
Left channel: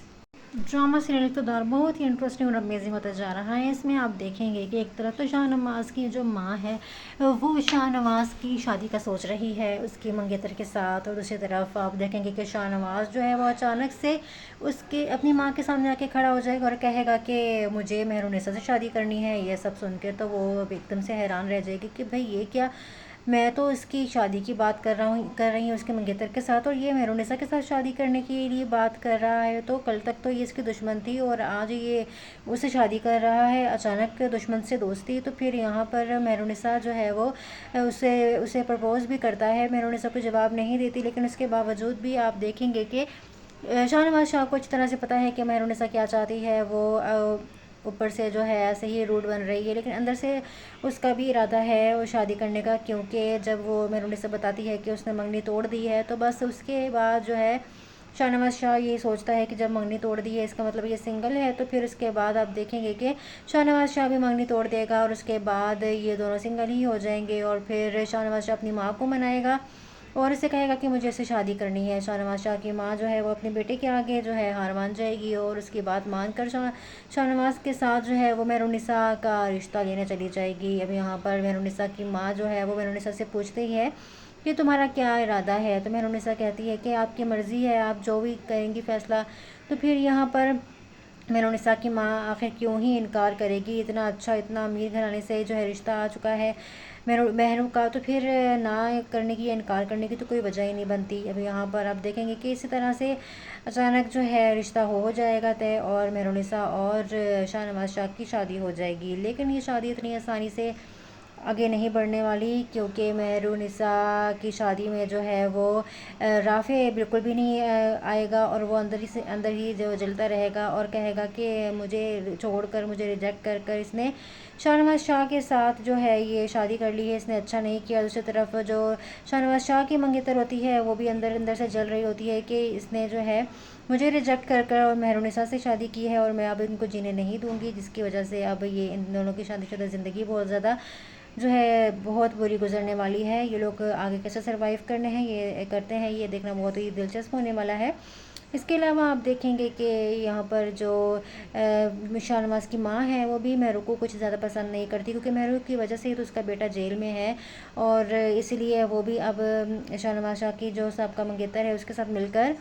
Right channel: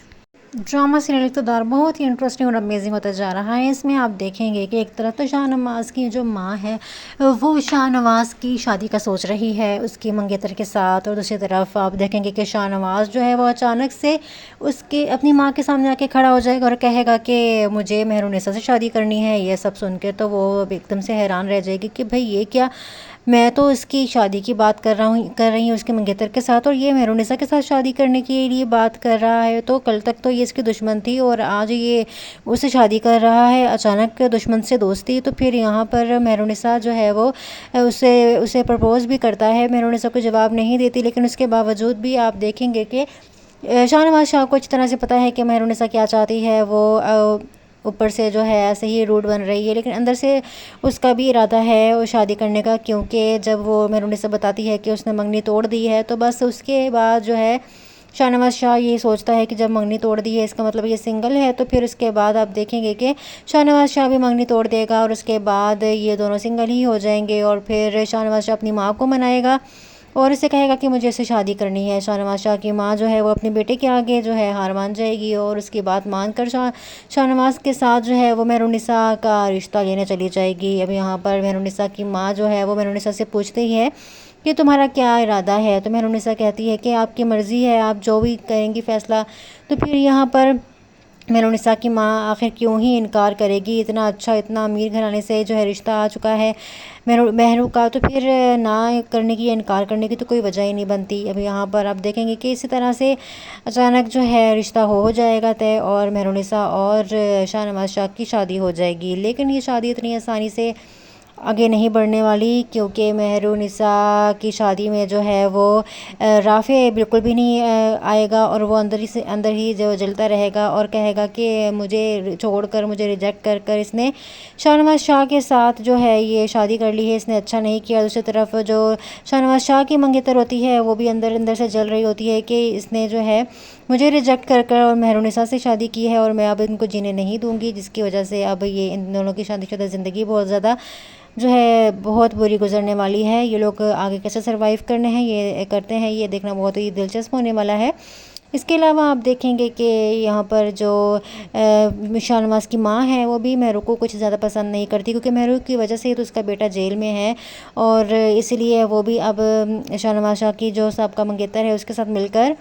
Drama serial Iqtidar बहुत ही इंटरेस्टिंग और अमेजिंग होता जा रहा है। इसमें आप देखेंगे कि एक तरफ तो शाहनवाज़ की जो माँ है वो शाहनवाज़ की शादी का सोच रही है उसकी मंगेतर के साथ, और दूसरी तरफ आप देखेंगे कि शाहनवाज़ जो है वो अचानक से उसके अपनी माँ के सामने आके खड़ा हो जाएगा और कहेगा कि मुझे मेहरुनिसा से शादी करनी है। ये सब सुन के तो वो एकदम से हैरान रह जाएगी कि भाई ये क्या, मैं तो इसकी शादी की बात कर रही हूँ उसके मंगेतर के साथ, और ये मेहरुनिसा के साथ शादी करने के लिए बात कर रहा है। तो कल तक तो ये इसकी दुश्मन थी और आज ये उससे शादी कर रहा है, अचानक दुश्मन से दोस्ती। तो फिर यहाँ पर मेहरुनिसा जो है वो उसे प्रपोज़ भी करता है। मेहरुनिसा को जवाब नहीं देती, लेकिन उसके बावजूद भी आप देखेंगे कि शाहनवाज़ शाह को अच्छी तरह से पता है कि मेहरुनिसा क्या चाहती है। वो ऊपर से जो है ऐसे ही रूड बन रही है, लेकिन अंदर से उसका भी इरादा है वो शादी करने का, क्योंकि जब वो मेहरुनिसा बताती है कि उसने मंगनी तोड़ दी है, तो बस उसके बाद जो है शाहनवाज शाह ये सोचता है कि जब मंगनी तोड़ दी है इसका मतलब ये सिंगल है, तो फिर उसके बाद आप देखेंगे कि शाहनवाज शाह भी मंगनी तोड़ देगा और उसके बाद ये दोनों सिंगल ही हो जाएंगे। और फिर शाहनवाज शाह अपनी माँ को मनाएगा और इसे कहेगा कि मुझे इससे शादी करनी है। शाहनवाज शाह की माँ जो है वो अपने बेटे के आगे जो है हार मान जाएगी और उसकी बात मानकर शाहनवाज के साथ जो है वो मेहरुन्निसा का रिश्ता लेने चली जाएगी। अब यहाँ पर मेहरुन्निसा की माँ जो है वो मेहरुन्निसा से पूछते ही है कि तुम्हारा क्या इरादा है, तो मेहरुन्निसा कहती है कि आपकी मर्ज़ी है, आप जो भी करेंगी फ़ैसला। तो फिर यहाँ पर मेहरुन्निसा की माँ आखिर क्यों ही इनकार करेगी, इतना अच्छा इतना अमीर घराने से जो है रिश्ता आ चुका है महरू का, तो फिर ना करने की या इनकार करने की तो कोई वजह ही नहीं बनती। अब यहाँ पर आप देखेंगे कि इसी तरह से अचानक जो है रिश्ता हो जाएगा तय और मेहरुन्निसा और शाहनवाज शाह की शादी हो जाएगी। लेकिन ये शादी इतनी आसानी से आगे नहीं बढ़ने वाली, क्योंकि मेहरुन्निसा की शादी में जो है वो राफ़े बिल्कुल भी नहीं आएगा और वो अंदर ही जो जलता रहेगा और कहेगा कि मुझे छोड़कर मुझे रिजेक्ट कर कर इसने शाहनवाज शाह के साथ जो है ये शादी कर ली है, इसने अच्छा नहीं किया। दूसरी तरफ जो शाहनवाज शाह की मंगेतर होती है वो भी अंदर अंदर से जल रही होती है कि इसने जो है मुझे रिजेक्ट कर कर और मेहरुन्निसा से शादी की है और मैं अब इनको जीने नहीं दूंगी, जिसकी वजह से अब ये इन दोनों की शादीशुदा ज़िंदगी बहुत ज़्यादा जो है बहुत बुरी गुजरने वाली है। ये लोग आगे कैसे सरवाइव करने हैं ये करते हैं, ये देखना बहुत ही दिलचस्प होने वाला है। इसके अलावा आप देखेंगे कि यहाँ पर जो शाहनवाज की माँ है वो भी महरू को कुछ ज़्यादा पसंद नहीं करती, क्योंकि महरू की वजह से तो उसका बेटा जेल में है और इसलिए वो भी अब शाहनवाज शाह की जो साहब का मंगेतर है उसके साथ मिलकर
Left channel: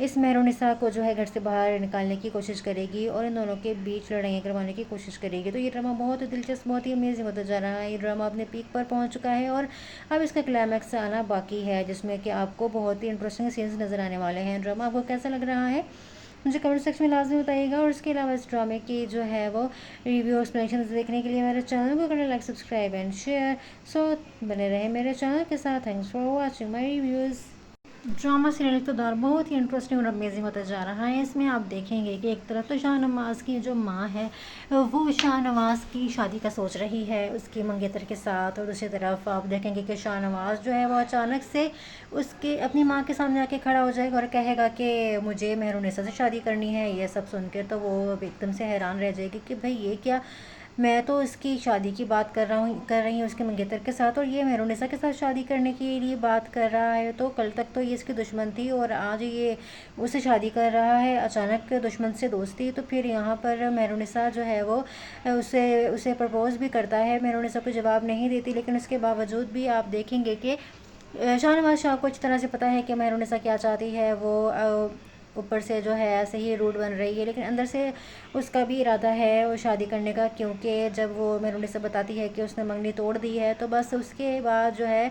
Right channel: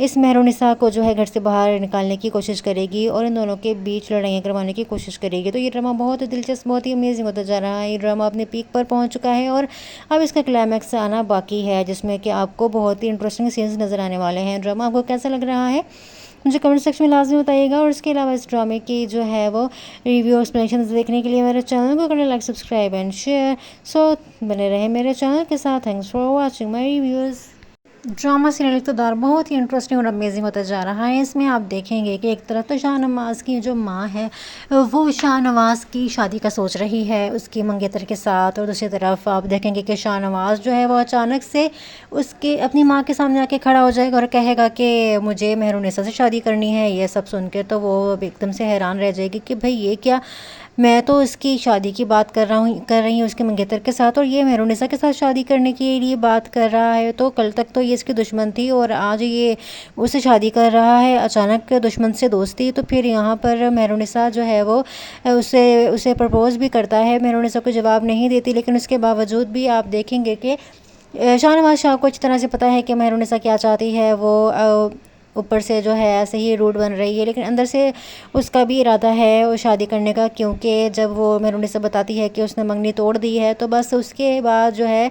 इस मेहरुन्निसा को जो है घर से बाहर निकालने की कोशिश करेगी और इन दोनों के बीच लड़ाइयाँ करवाने की कोशिश करेगी। तो ये ड्रामा बहुत ही दिलचस्प बहुत ही अमेजिंग होता जा रहा है। ये ड्रामा अपने पीक पर पहुंच चुका है और अब इसका क्लाइमैक्स आना बाकी है, जिसमें कि आपको बहुत ही इंटरेस्टिंग सीन्स नज़र आने वाले हैं। ड्रामा आपको कैसा लग रहा है मुझे कमेंट सेक्शन में लाजमी बताइएगा। और इसके अलावा इस ड्रामे की जो है वो रिव्यू एक्सप्लेनेशन देखने के लिए मेरे चैनल को करें like subscribe and share. So बने रहे मेरे चैनल के साथ। Thanks for watching my reviews. Drama serial Iqtidar बहुत ही इंटरेस्टिंग और अमेजिंग होता जा रहा है। इसमें आप देखेंगे कि एक तरफ तो शाहनवाज की जो माँ है वो शाहनवाज की शादी का सोच रही है उसकी मंगेतर के साथ, और दूसरी तरफ आप देखेंगे कि शाहनवाज जो है वो अचानक से उसके अपनी माँ के सामने आके खड़ा हो जाएगा और कहेगा कि मुझे मेहरुन्निसा से शादी करनी है। ये सब सुन के तो वो एकदम से हैरान रह जाएगी कि भाई ये क्या, मैं तो इसकी शादी की बात कर रही हूँ उसके मंगेतर के साथ और ये मेहरुन्निसा के साथ शादी करने के लिए बात कर रहा है। तो कल तक तो ये इसकी दुश्मन थी और आज ये उससे शादी कर रहा है, अचानक दुश्मन से दोस्ती। तो फिर यहाँ पर मेहरुन्निसा जो है वो उसे प्रपोज़ भी करता है। मेहरुन्निसा को जवाब नहीं देती, लेकिन उसके बावजूद भी आप देखेंगे कि शाहनवाज शाह को अच्छी तरह से पता है कि मेहरुन्निसा क्या चाहती है। वो ऊपर से जो है ऐसे ही रूड बन रही है, लेकिन अंदर से उसका भी इरादा है वो शादी करने का, क्योंकि जब वो मेहरुन्निसा बताती है कि उसने मंगनी तोड़ दी है तो बस उसके बाद जो है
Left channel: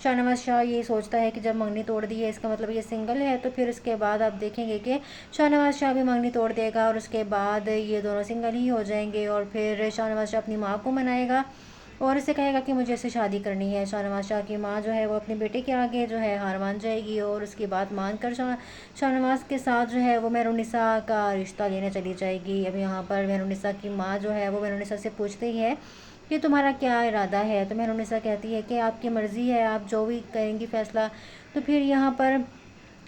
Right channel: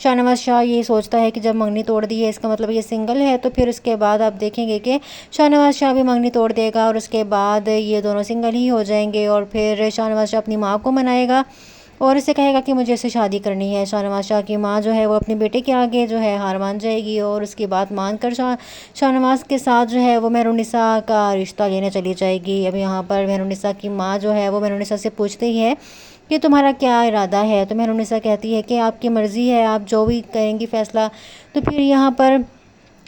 शाहनवाज शाह ये सोचता है कि जब मंगनी तोड़ दी है इसका मतलब ये सिंगल है। तो फिर उसके बाद आप देखेंगे कि शाहनवाज शाह भी मंगनी तोड़ देगा और उसके बाद ये दोनों सिंगल ही हो जाएंगे। और फिर शाहनवाज शाह अपनी माँ को मनाएगा और इसे कहेगा कि मुझे इससे शादी करनी है। शाहनवाज शाह की माँ जो है वो अपने बेटे के आगे जो है हार मान जाएगी और उसकी बात मानकर शाहनवाज के साथ जो है वो मेहरुन्निसा का रिश्ता लेने चली जाएगी। अब यहाँ पर मेहरुन्निसा की माँ जो है वो मेहरुन्निसा से पूछते ही है कि तुम्हारा क्या इरादा है, तो मेहरुन्निसा कहती है कि आपकी मर्ज़ी है, आप जो भी करेंगी फ़ैसला। तो फिर यहाँ पर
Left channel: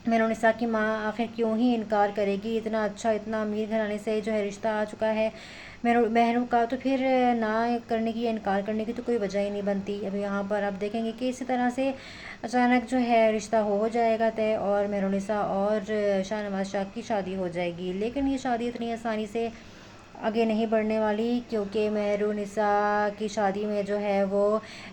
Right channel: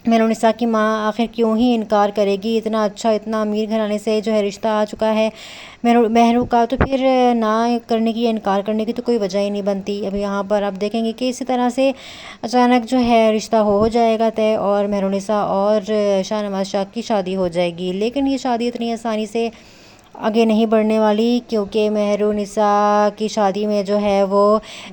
मेहरुन्निसा की माँ आखिर क्यों ही इनकार करेगी, इतना अच्छा इतना अमीर घराने से जो है रिश्ता आ चुका है महरू का, तो फिर ना करने की या इनकार करने की तो कोई वजह ही नहीं बनती। अब यहाँ पर आप देखेंगे कि इसी तरह से अचानक जो है रिश्ता हो जाएगा तय और मेहरुन्निसा और शाहनवाज शाह की शादी हो जाएगी। लेकिन ये शादी इतनी आसानी से आगे नहीं बढ़ने वाली, क्योंकि मेहरुन्निसा की शादी में जो है वो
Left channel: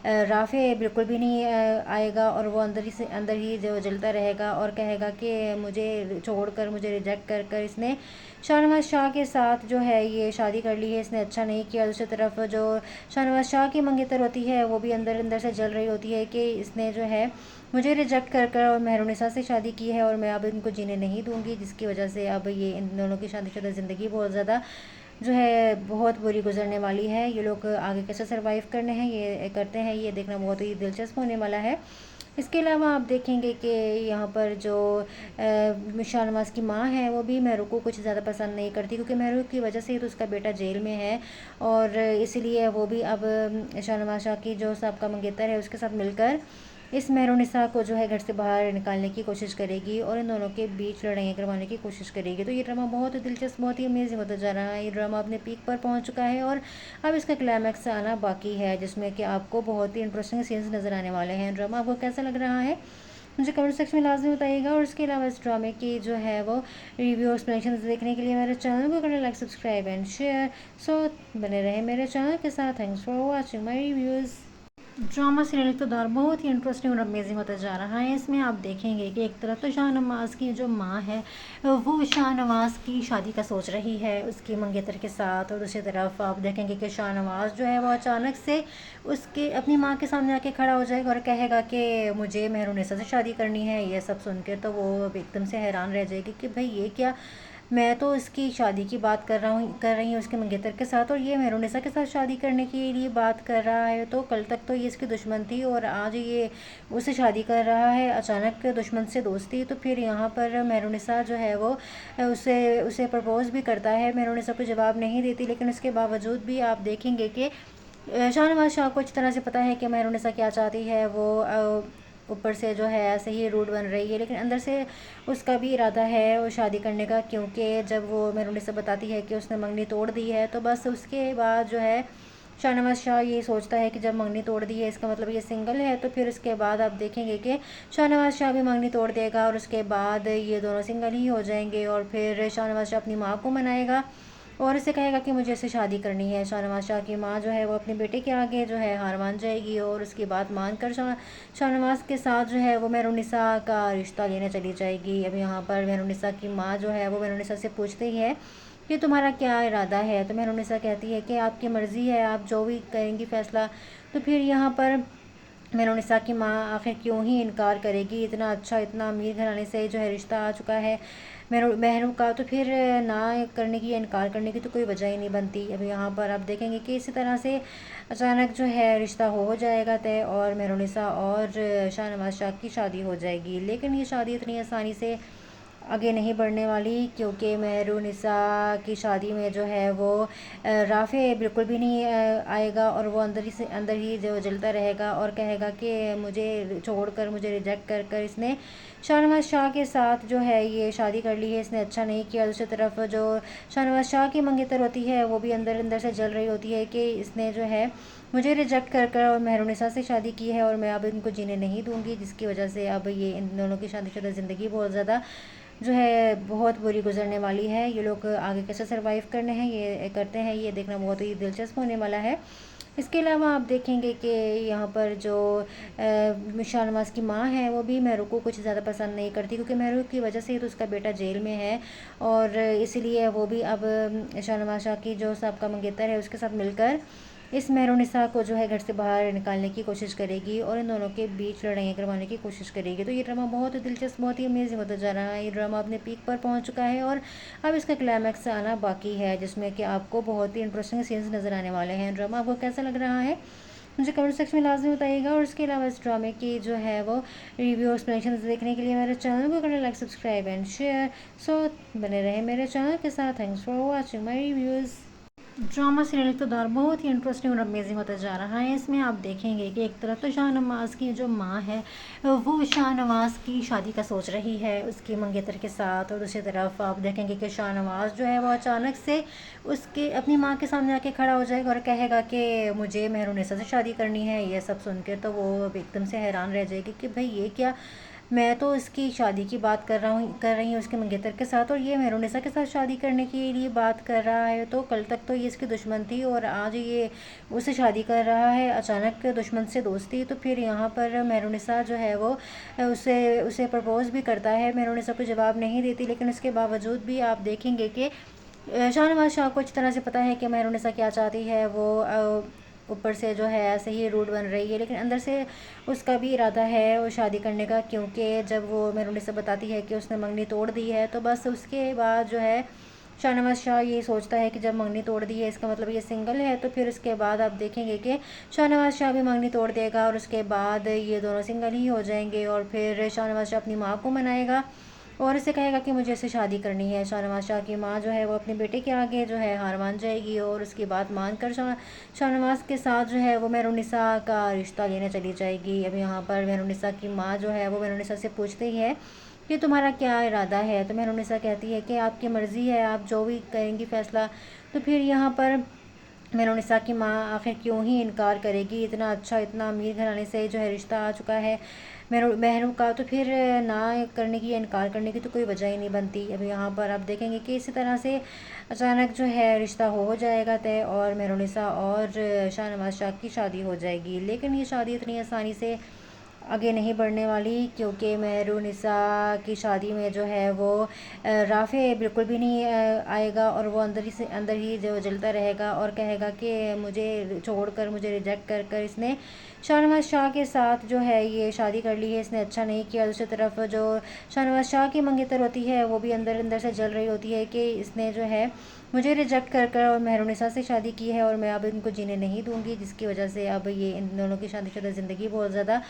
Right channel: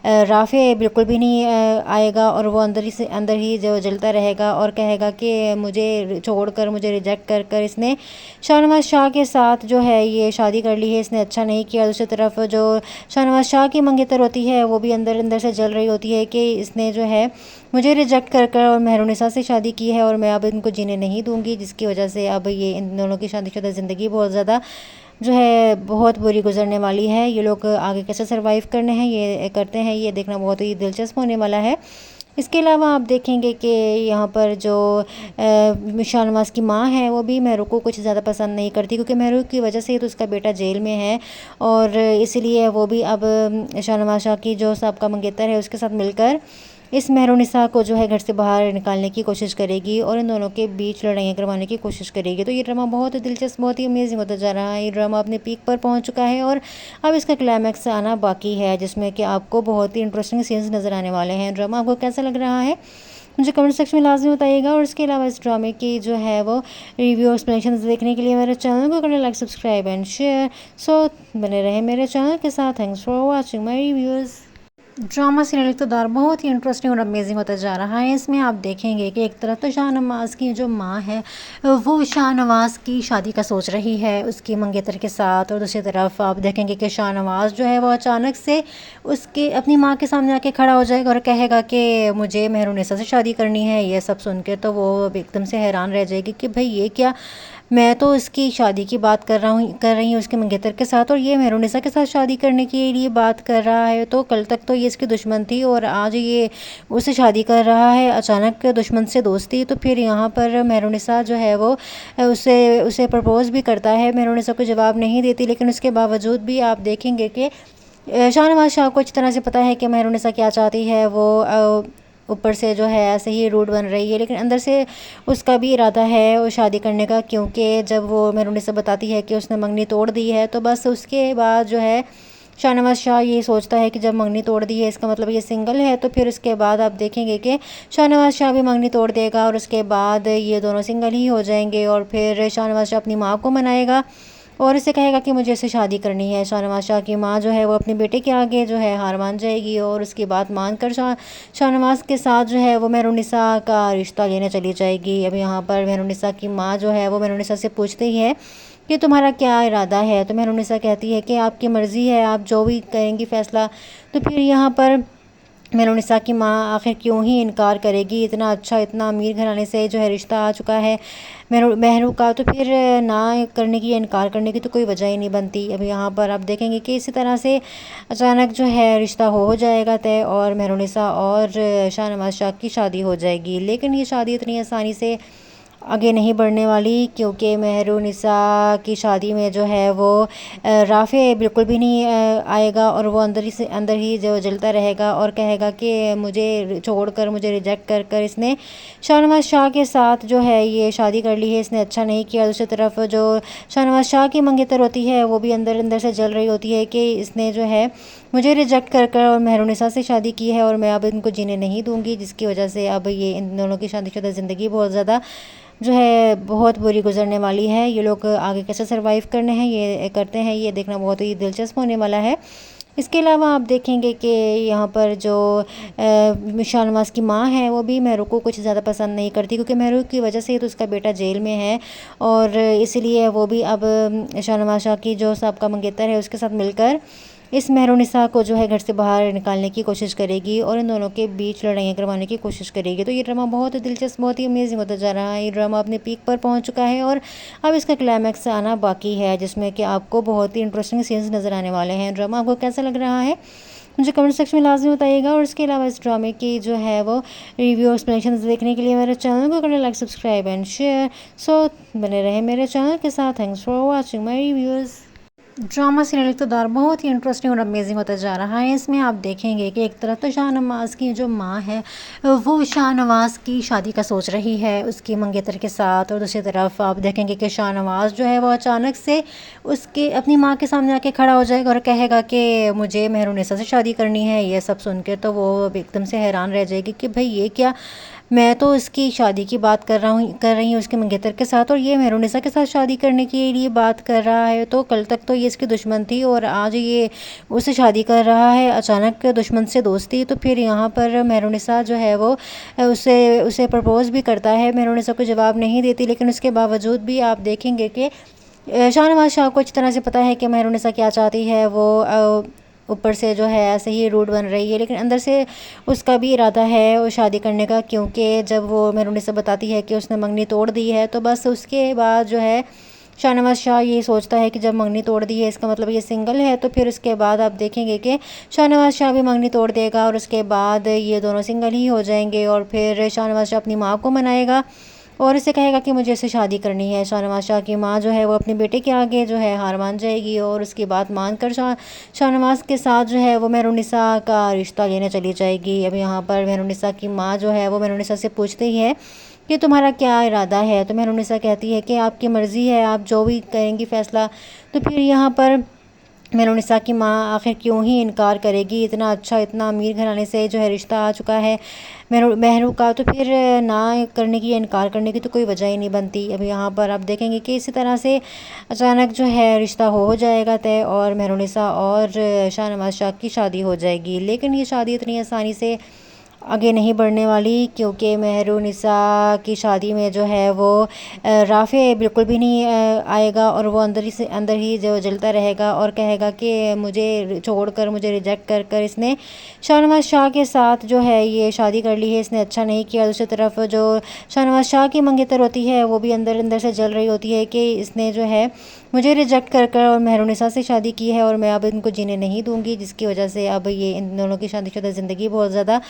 राफ़े बिल्कुल भी नहीं आएगा और वो अंदर ही जो जलता रहेगा और कहेगा कि मुझे छोड़कर मुझे रिजेक्ट कर कर इसने शाहनवाज शाह के साथ जो है ये शादी कर ली है, इसने अच्छा नहीं किया। दूसरी तरफ जो शाहनवाज शाह की मंगेतर होती है वो भी अंदर अंदर से जल रही होती है कि इसने जो है मुझे रिजेक्ट कर कर और मेहरुन्निसा से शादी की है और मैं अब इनको जीने नहीं दूंगी, जिसकी वजह से अब ये इन दोनों की शादीशुदा ज़िंदगी बहुत ज़्यादा जो है बहुत बुरी गुजरने वाली है। ये लोग आगे कैसे सरवाइव करने हैं ये करते हैं, ये देखना बहुत ही दिलचस्प होने वाला है। इसके अलावा आप देखेंगे कि यहाँ पर जो शाहनवाज की माँ है वो भी महरू को कुछ ज़्यादा पसंद नहीं करती, क्योंकि महरू की वजह से तो उसका बेटा जेल में है और इसलिए वो भी अब शाहनवाज शाह की जो साहब का मंगेतर है उसके साथ मिलकर इस मेहरुनिसा को जो है घर से बाहर निकालने की कोशिश करेगी और इन दोनों के बीच लड़ाइयाँ करवाने की कोशिश करेगी। तो ये ड्रामा बहुत ही दिलचस्प, बहुत ही अमेजिंग होता जा रहा है। ये ड्रामा अपने पीक पर पहुंच चुका है और अब इसका क्लाइमैक्स आना बाकी है, जिसमें कि आपको बहुत ही इंटरेस्टिंग सीन्स नज़र आने वाले हैं। ड्रामा आपको कैसा लग रहा है मुझे कमेंट सेक्शन में लाजमी बताइएगा। और इसके अलावा इस ड्रामे की जो है वो रिव्यू एक्सप्लेनेशन देखने के लिए मेरे चैनल को करें like, subscribe and share. So बने रहे मेरे चैनल के साथ। Thanks for watching my reviews. Drama serial Iqtidar बहुत ही इंटरेस्टिंग और अमेजिंग होता जा रहा है। इसमें आप देखेंगे कि एक तरफ तो शाहनवाज़ की जो माँ है वो शाहनवाज़ की शादी का सोच रही है उसकी मंगेतर के साथ, और दूसरी तरफ आप देखेंगे कि शाहनवाज़ जो है वो अचानक से उसके अपनी माँ के सामने आके खड़ा हो जाएगा और कहेगा कि मुझे मेहरुनिसा से शादी करनी है। ये सब सुन के तो वो एकदम से हैरान रह जाएगी कि भाई ये क्या, मैं तो इसकी शादी की बात कर रही हूँ उसके मंगेतर के साथ, और ये मेहरुनिसा के साथ शादी करने के लिए बात कर रहा है। तो कल तक तो ये इसकी दुश्मन थी और आज ये उससे शादी कर रहा है, अचानक दुश्मन से दोस्ती। तो फिर यहाँ पर मेहरुनिसा जो है वो उसे प्रपोज़ भी करता है। मेहरुनिसा को जवाब नहीं देती, लेकिन उसके बावजूद भी आप देखेंगे कि शाहनवाज़ शाह को अच्छी तरह से पता है कि मेहरुनिसा क्या चाहती है। वो ऊपर से जो है ऐसे ही रूड बन रही है, लेकिन अंदर से उसका भी इरादा है वो शादी करने का, क्योंकि जब वो मेहरुनिसा बताती है कि उसने मंगनी तोड़ दी है, तो बस उसके बाद जो है शाहनवाज़ शाह ये सोचता है कि जब मंगनी तोड़ दी है इसका मतलब ये सिंगल है। तो फिर उसके बाद आप देखेंगे कि शाहनवाज़ शाह भी मंगनी तोड़ देगा और उसके बाद ये दोनों सिंगल ही हो जाएंगे। और फिर शाहनवाज़ शाह अपनी माँ को मनाएगा और इसे कहेगा कि मुझे इससे शादी करनी है। शाहनवाज़ शाह की माँ जो है वो अपने बेटे के आगे जो है हार मान जाएगी और उसकी बात मानकर शाहनवाज़ के साथ जो है वो मेहरुनिसा का रिश्ता लेने चली जाएगी। अब यहाँ पर मेहरुनिसा की माँ जो है वो मेहरुनिसा से पूछती है कि तुम्हारा क्या इरादा है। तो मेहरुनिसा कहती है कि आपकी मर्ज़ी है, आप जो भी करेंगी फ़ैसला। तो फिर यहाँ पर मेहरुनिसा की माँ आखिर क्यों ही इनकार करेगी, इतना अच्छा इतना अमीर घराने से जो है रिश्ता आ चुका है महरू का, तो फिर ना करने की या इनकार करने की तो कोई वजह ही नहीं बनती। अब यहाँ पर आप देखेंगे कि इसी तरह से अचानक जो है रिश्ता हो जाएगा तय और मेहरुनिसा और शाहनवाज़ शाह की शादी हो जाएगी। लेकिन ये शादी इतनी आसानी से आगे नहीं बढ़ने वाली, क्योंकि मेहरुनिसा की शादी में जो है वो राफ़े बिल्कुल भी नहीं आएगा और वो अंदर ही जो जलता रहेगा और कहेगा कि मुझे छोड़कर, मुझे रिजेक्ट कर कर इसने शाहनवाज़ शाह के साथ जो है ये शादी कर ली है, इसने अच्छा नहीं किया। दूसरी तरफ जो शाहनवाज़ शाह की मंगेतर होती है वो भी अंदर अंदर से जल रही होती है कि इसने जो है मुझे रिजेक्ट कर कर और मेहरुनिसा से शादी की है और मैं अब इनको जीने नहीं दूंगी, जिसकी वजह से अब ये इन दोनों की शादीशुदा ज़िंदगी बहुत ज़्यादा जो है बहुत बुरी गुजरने वाली है। ये लोग आगे कैसे सरवाइव करते हैं ये देखना बहुत ही दिलचस्प होने वाला है। इसके अलावा आप देखेंगे कि यहाँ पर जो शाहनवाज़ की माँ है वो भी मेहरू को कुछ ज़्यादा पसंद नहीं करती, क्योंकि मेहरू की वजह से तो उसका बेटा जेल में है और इसलिए वो भी अब शाहनवाज़ शाह की जो साहब का मंगेतर है उसके साथ मिलकर इस मेहरुनिसा को जो है घर से बाहर निकालने की कोशिश करेगी और इन दोनों के बीच लड़ाइयाँ करवाने की कोशिश करेगी। तो ये ड्रामा बहुत ही दिलचस्प, बहुत ही अमेजिंग होता जा रहा है। ये ड्रामा अपने पीक पर पहुंच चुका है और अब इसका क्लाइमैक्स आना बाकी है, जिसमें कि आपको बहुत ही इंटरेस्टिंग सीन्स नज़र आने वाले हैं। ड्रामा आपको कैसा लग रहा है मुझे कमेंट सेक्शन में लाजमी बताइएगा। और इसके अलावा इस ड्रामे की जो है वो रिव्यू एक्सप्लेनेशन देखने के लिए मेरे चैनल को करें like, subscribe and share. So बने रहे मेरे चैनल के साथ। Thanks for watching my reviews. Drama serial Iqtidar बहुत ही इंटरेस्टिंग और अमेजिंग होता जा रहा है। इसमें आप देखेंगे कि एक तरफ तो शाहनवाज़ की जो माँ है वो शाहनवाज़ की शादी का सोच रही है उसकी मंगेतर के साथ, और दूसरी तरफ आप देखेंगे कि शाहनवाज़ जो है वो अचानक से उसके अपनी माँ के सामने आके खड़ा हो जाएगा और कहेगा कि मुझे मेहरुनिसा से शादी करनी है। ये सब सुन के तो वो एकदम से हैरान रह जाएगी कि भाई ये क्या, मैं तो इसकी शादी की बात कर रही हूँ उसके मंगेतर के साथ, और ये मेहरुनिसा के साथ शादी करने के लिए बात कर रहा है। तो कल तक तो ये इसकी दुश्मन थी और आज ये उससे शादी कर रहा है, अचानक दुश्मन से दोस्ती। तो फिर यहाँ पर मेहरुनिसा जो है वो उसे प्रपोज़ भी करता है। मेहरुनिसा को जवाब नहीं देती, लेकिन उसके बावजूद भी आप देखेंगे कि शाहनवाज़ शाह को अच्छी तरह से पता है कि मेहरुनिसा क्या चाहती है। वो ऊपर से जो है ऐसे ही रूड बन रही है, लेकिन अंदर से उसका भी इरादा है वो शादी करने का, क्योंकि जब वो मेहरुनिसा बताती है कि उसने मंगनी तोड़ दी है, तो बस उसके बाद जो है शाहनवाज़ शाह ये सोचता है कि जब मंगनी तोड़ दी है इसका मतलब ये सिंगल है। तो फिर उसके बाद आप देखेंगे कि शाहनवाज़ शाह भी मंगनी तोड़ देगा और उसके बाद ये दोनों सिंगल ही हो जाएंगे। और फिर शाहनवाज़ शाह अपनी माँ को मनाएगा और इसे कहेगा कि मुझे इससे शादी करनी है। शाहनवाज शाह की माँ जो है वो अपने बेटे के आगे जो है हार मान जाएगी और उसकी बात मानकर शाहनवाज के साथ जो है वो मेहरुन्निसा का रिश्ता लेने चली जाएगी। अब यहाँ पर मेहरुन्निसा की माँ जो है वो मेहरुन्निसा से पूछते ही है कि तुम्हारा क्या इरादा है। तो मेहरुन्निसा कहती है कि आपकी मर्ज़ी है, आप जो भी करेंगी फ़ैसला। तो फिर यहाँ पर मेहरुन्निसा की माँ आखिर क्यों ही इनकार करेगी, इतना अच्छा इतना अमीर घराने से जो है रिश्ता आ चुका है महरू का, तो फिर ना करने की या इनकार करने की तो कोई वजह ही नहीं बनती। अब यहाँ पर आप देखेंगे कि इसी तरह से अचानक जो है रिश्ता हो जाएगा तय और मेहरुन्निसा और शाहनवाज शाह की शादी हो जाएगी। लेकिन ये शादी इतनी आसानी से आगे नहीं बढ़ने वाली, क्योंकि मेहरुन्निसा की शादी में जो है वो राफ़े बिल्कुल भी नहीं आएगा और वो अंदर ही जो जलता रहेगा और कहेगा कि मुझे छोड़कर, मुझे रिजेक्ट कर कर इसने शाहनवाज शाह के साथ जो है ये शादी कर ली है, इसने अच्छा नहीं किया। दूसरी तरफ जो शाहनवाज शाह की मंगेतर होती है वो भी अंदर अंदर से जल रही होती है कि इसने जो है मुझे रिजेक्ट कर कर और मेहरुन्निसा से शादी की है और मैं अब इनको जीने नहीं दूंगी, जिसकी वजह से अब ये इन दोनों की शादीशुदा ज़िंदगी बहुत ज़्यादा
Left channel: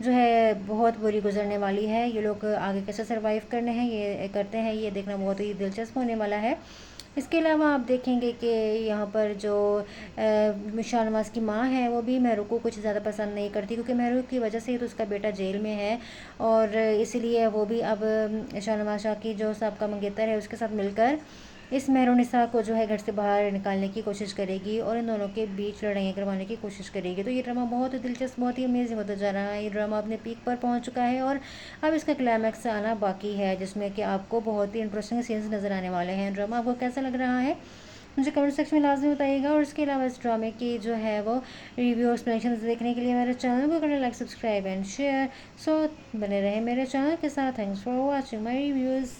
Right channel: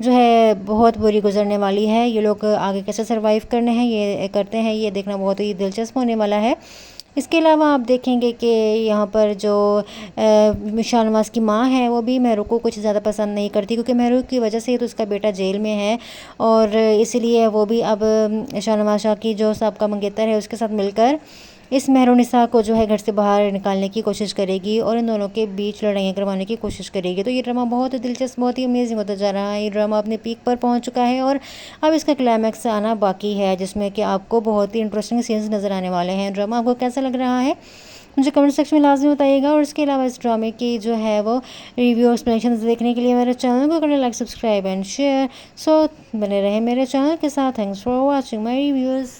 जो है बहुत बुरी गुजरने वाली है। ये लोग आगे कैसे सरवाइव करते हैं ये देखना बहुत ही दिलचस्प होने वाला है। इसके अलावा आप देखेंगे कि यहाँ पर जो शाहनवाज की माँ है वो भी महरू को कुछ ज़्यादा पसंद नहीं करती, क्योंकि महरू की वजह से तो उसका बेटा जेल में है और इसलिए वो भी अब शाहनवाज शाह की जो साहब का मंगेतर है उसके साथ मिलकर इस मेहरुन्निसा को जो है घर से बाहर निकालने की कोशिश करेगी और इन दोनों के बीच लड़ाइयाँ करवाने की कोशिश करेगी। तो ये ड्रामा बहुत ही दिलचस्प, बहुत ही अमेजिंग होता जा रहा है। ये ड्रामा अपने पीक पर पहुंच चुका है और अब इसका क्लाइमैक्स आना बाकी है, जिसमें कि आपको बहुत ही इंटरेस्टिंग सीन्स नज़र आने वाले हैं। ड्रामा आपको कैसा लग रहा है मुझे कमेंट सेक्शन में लाजमी बताइएगा। और इसके अलावा इस ड्रामे की जो है वो रिव्यू एक्सप्लेनेशन देखने के लिए मेरे चैनल को करें like, subscribe and share. So बने रहे मेरे चैनल के साथ। Thanks for watching my reviews.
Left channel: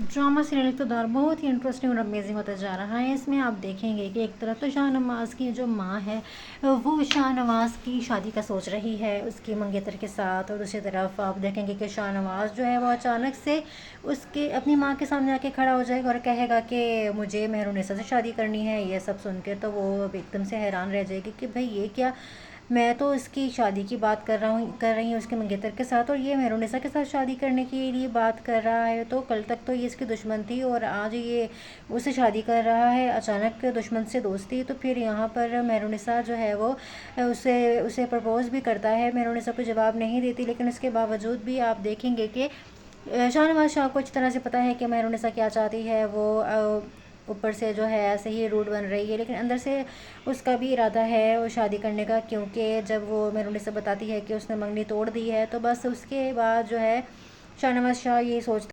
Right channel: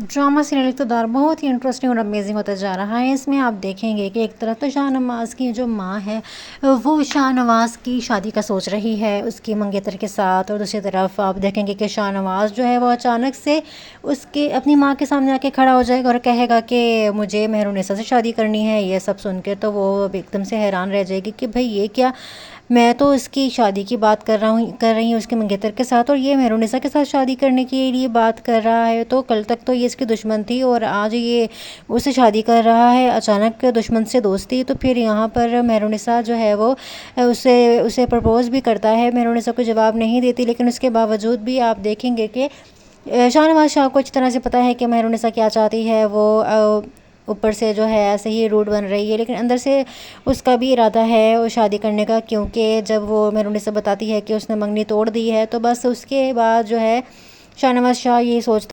Drama serial Iqtidar बहुत ही इंटरेस्टिंग और अमेजिंग होता जा रहा है। इसमें आप देखेंगे कि एक तरफ तो शाहनवाज की जो माँ है वो शाहनवाज की शादी का सोच रही है उसकी मंगेतर के साथ, और दूसरी तरफ आप देखेंगे कि शाहनवाज जो है वो अचानक से उसके अपनी माँ के सामने आके खड़ा हो जाएगा और कहेगा कि मुझे मेहरुन्निसा से शादी करनी है। ये सब सुन के तो वो एकदम से हैरान रह जाएगी कि भाई ये क्या, मैं तो इसकी शादी की बात कर रही हूँ उसके मंगेतर के साथ और ये मेहरुन्निसा के साथ शादी करने के लिए बात कर रहा है। तो कल तक तो ये इसकी दुश्मन थी और आज ये उससे शादी कर रहा है, अचानक दुश्मन से दोस्ती। तो फिर यहाँ पर मेहरुन्निसा जो है वो उसे प्रपोज़ भी करता है। मेहरुन्निसा को जवाब नहीं देती, लेकिन उसके बावजूद भी आप देखेंगे कि शाहनवाज शाह को अच्छी तरह से पता है कि मेहरुन्निसा क्या चाहती है। वो ऊपर से जो है ऐसे ही रूड बन रही है, लेकिन अंदर से उसका भी इरादा है वो शादी करने का, क्योंकि जब वो मेहरुन्निसा बताती है कि उसने मंगनी तोड़ दी है तो बस उसके बाद जो है शाहनवाज शाह ये सोचता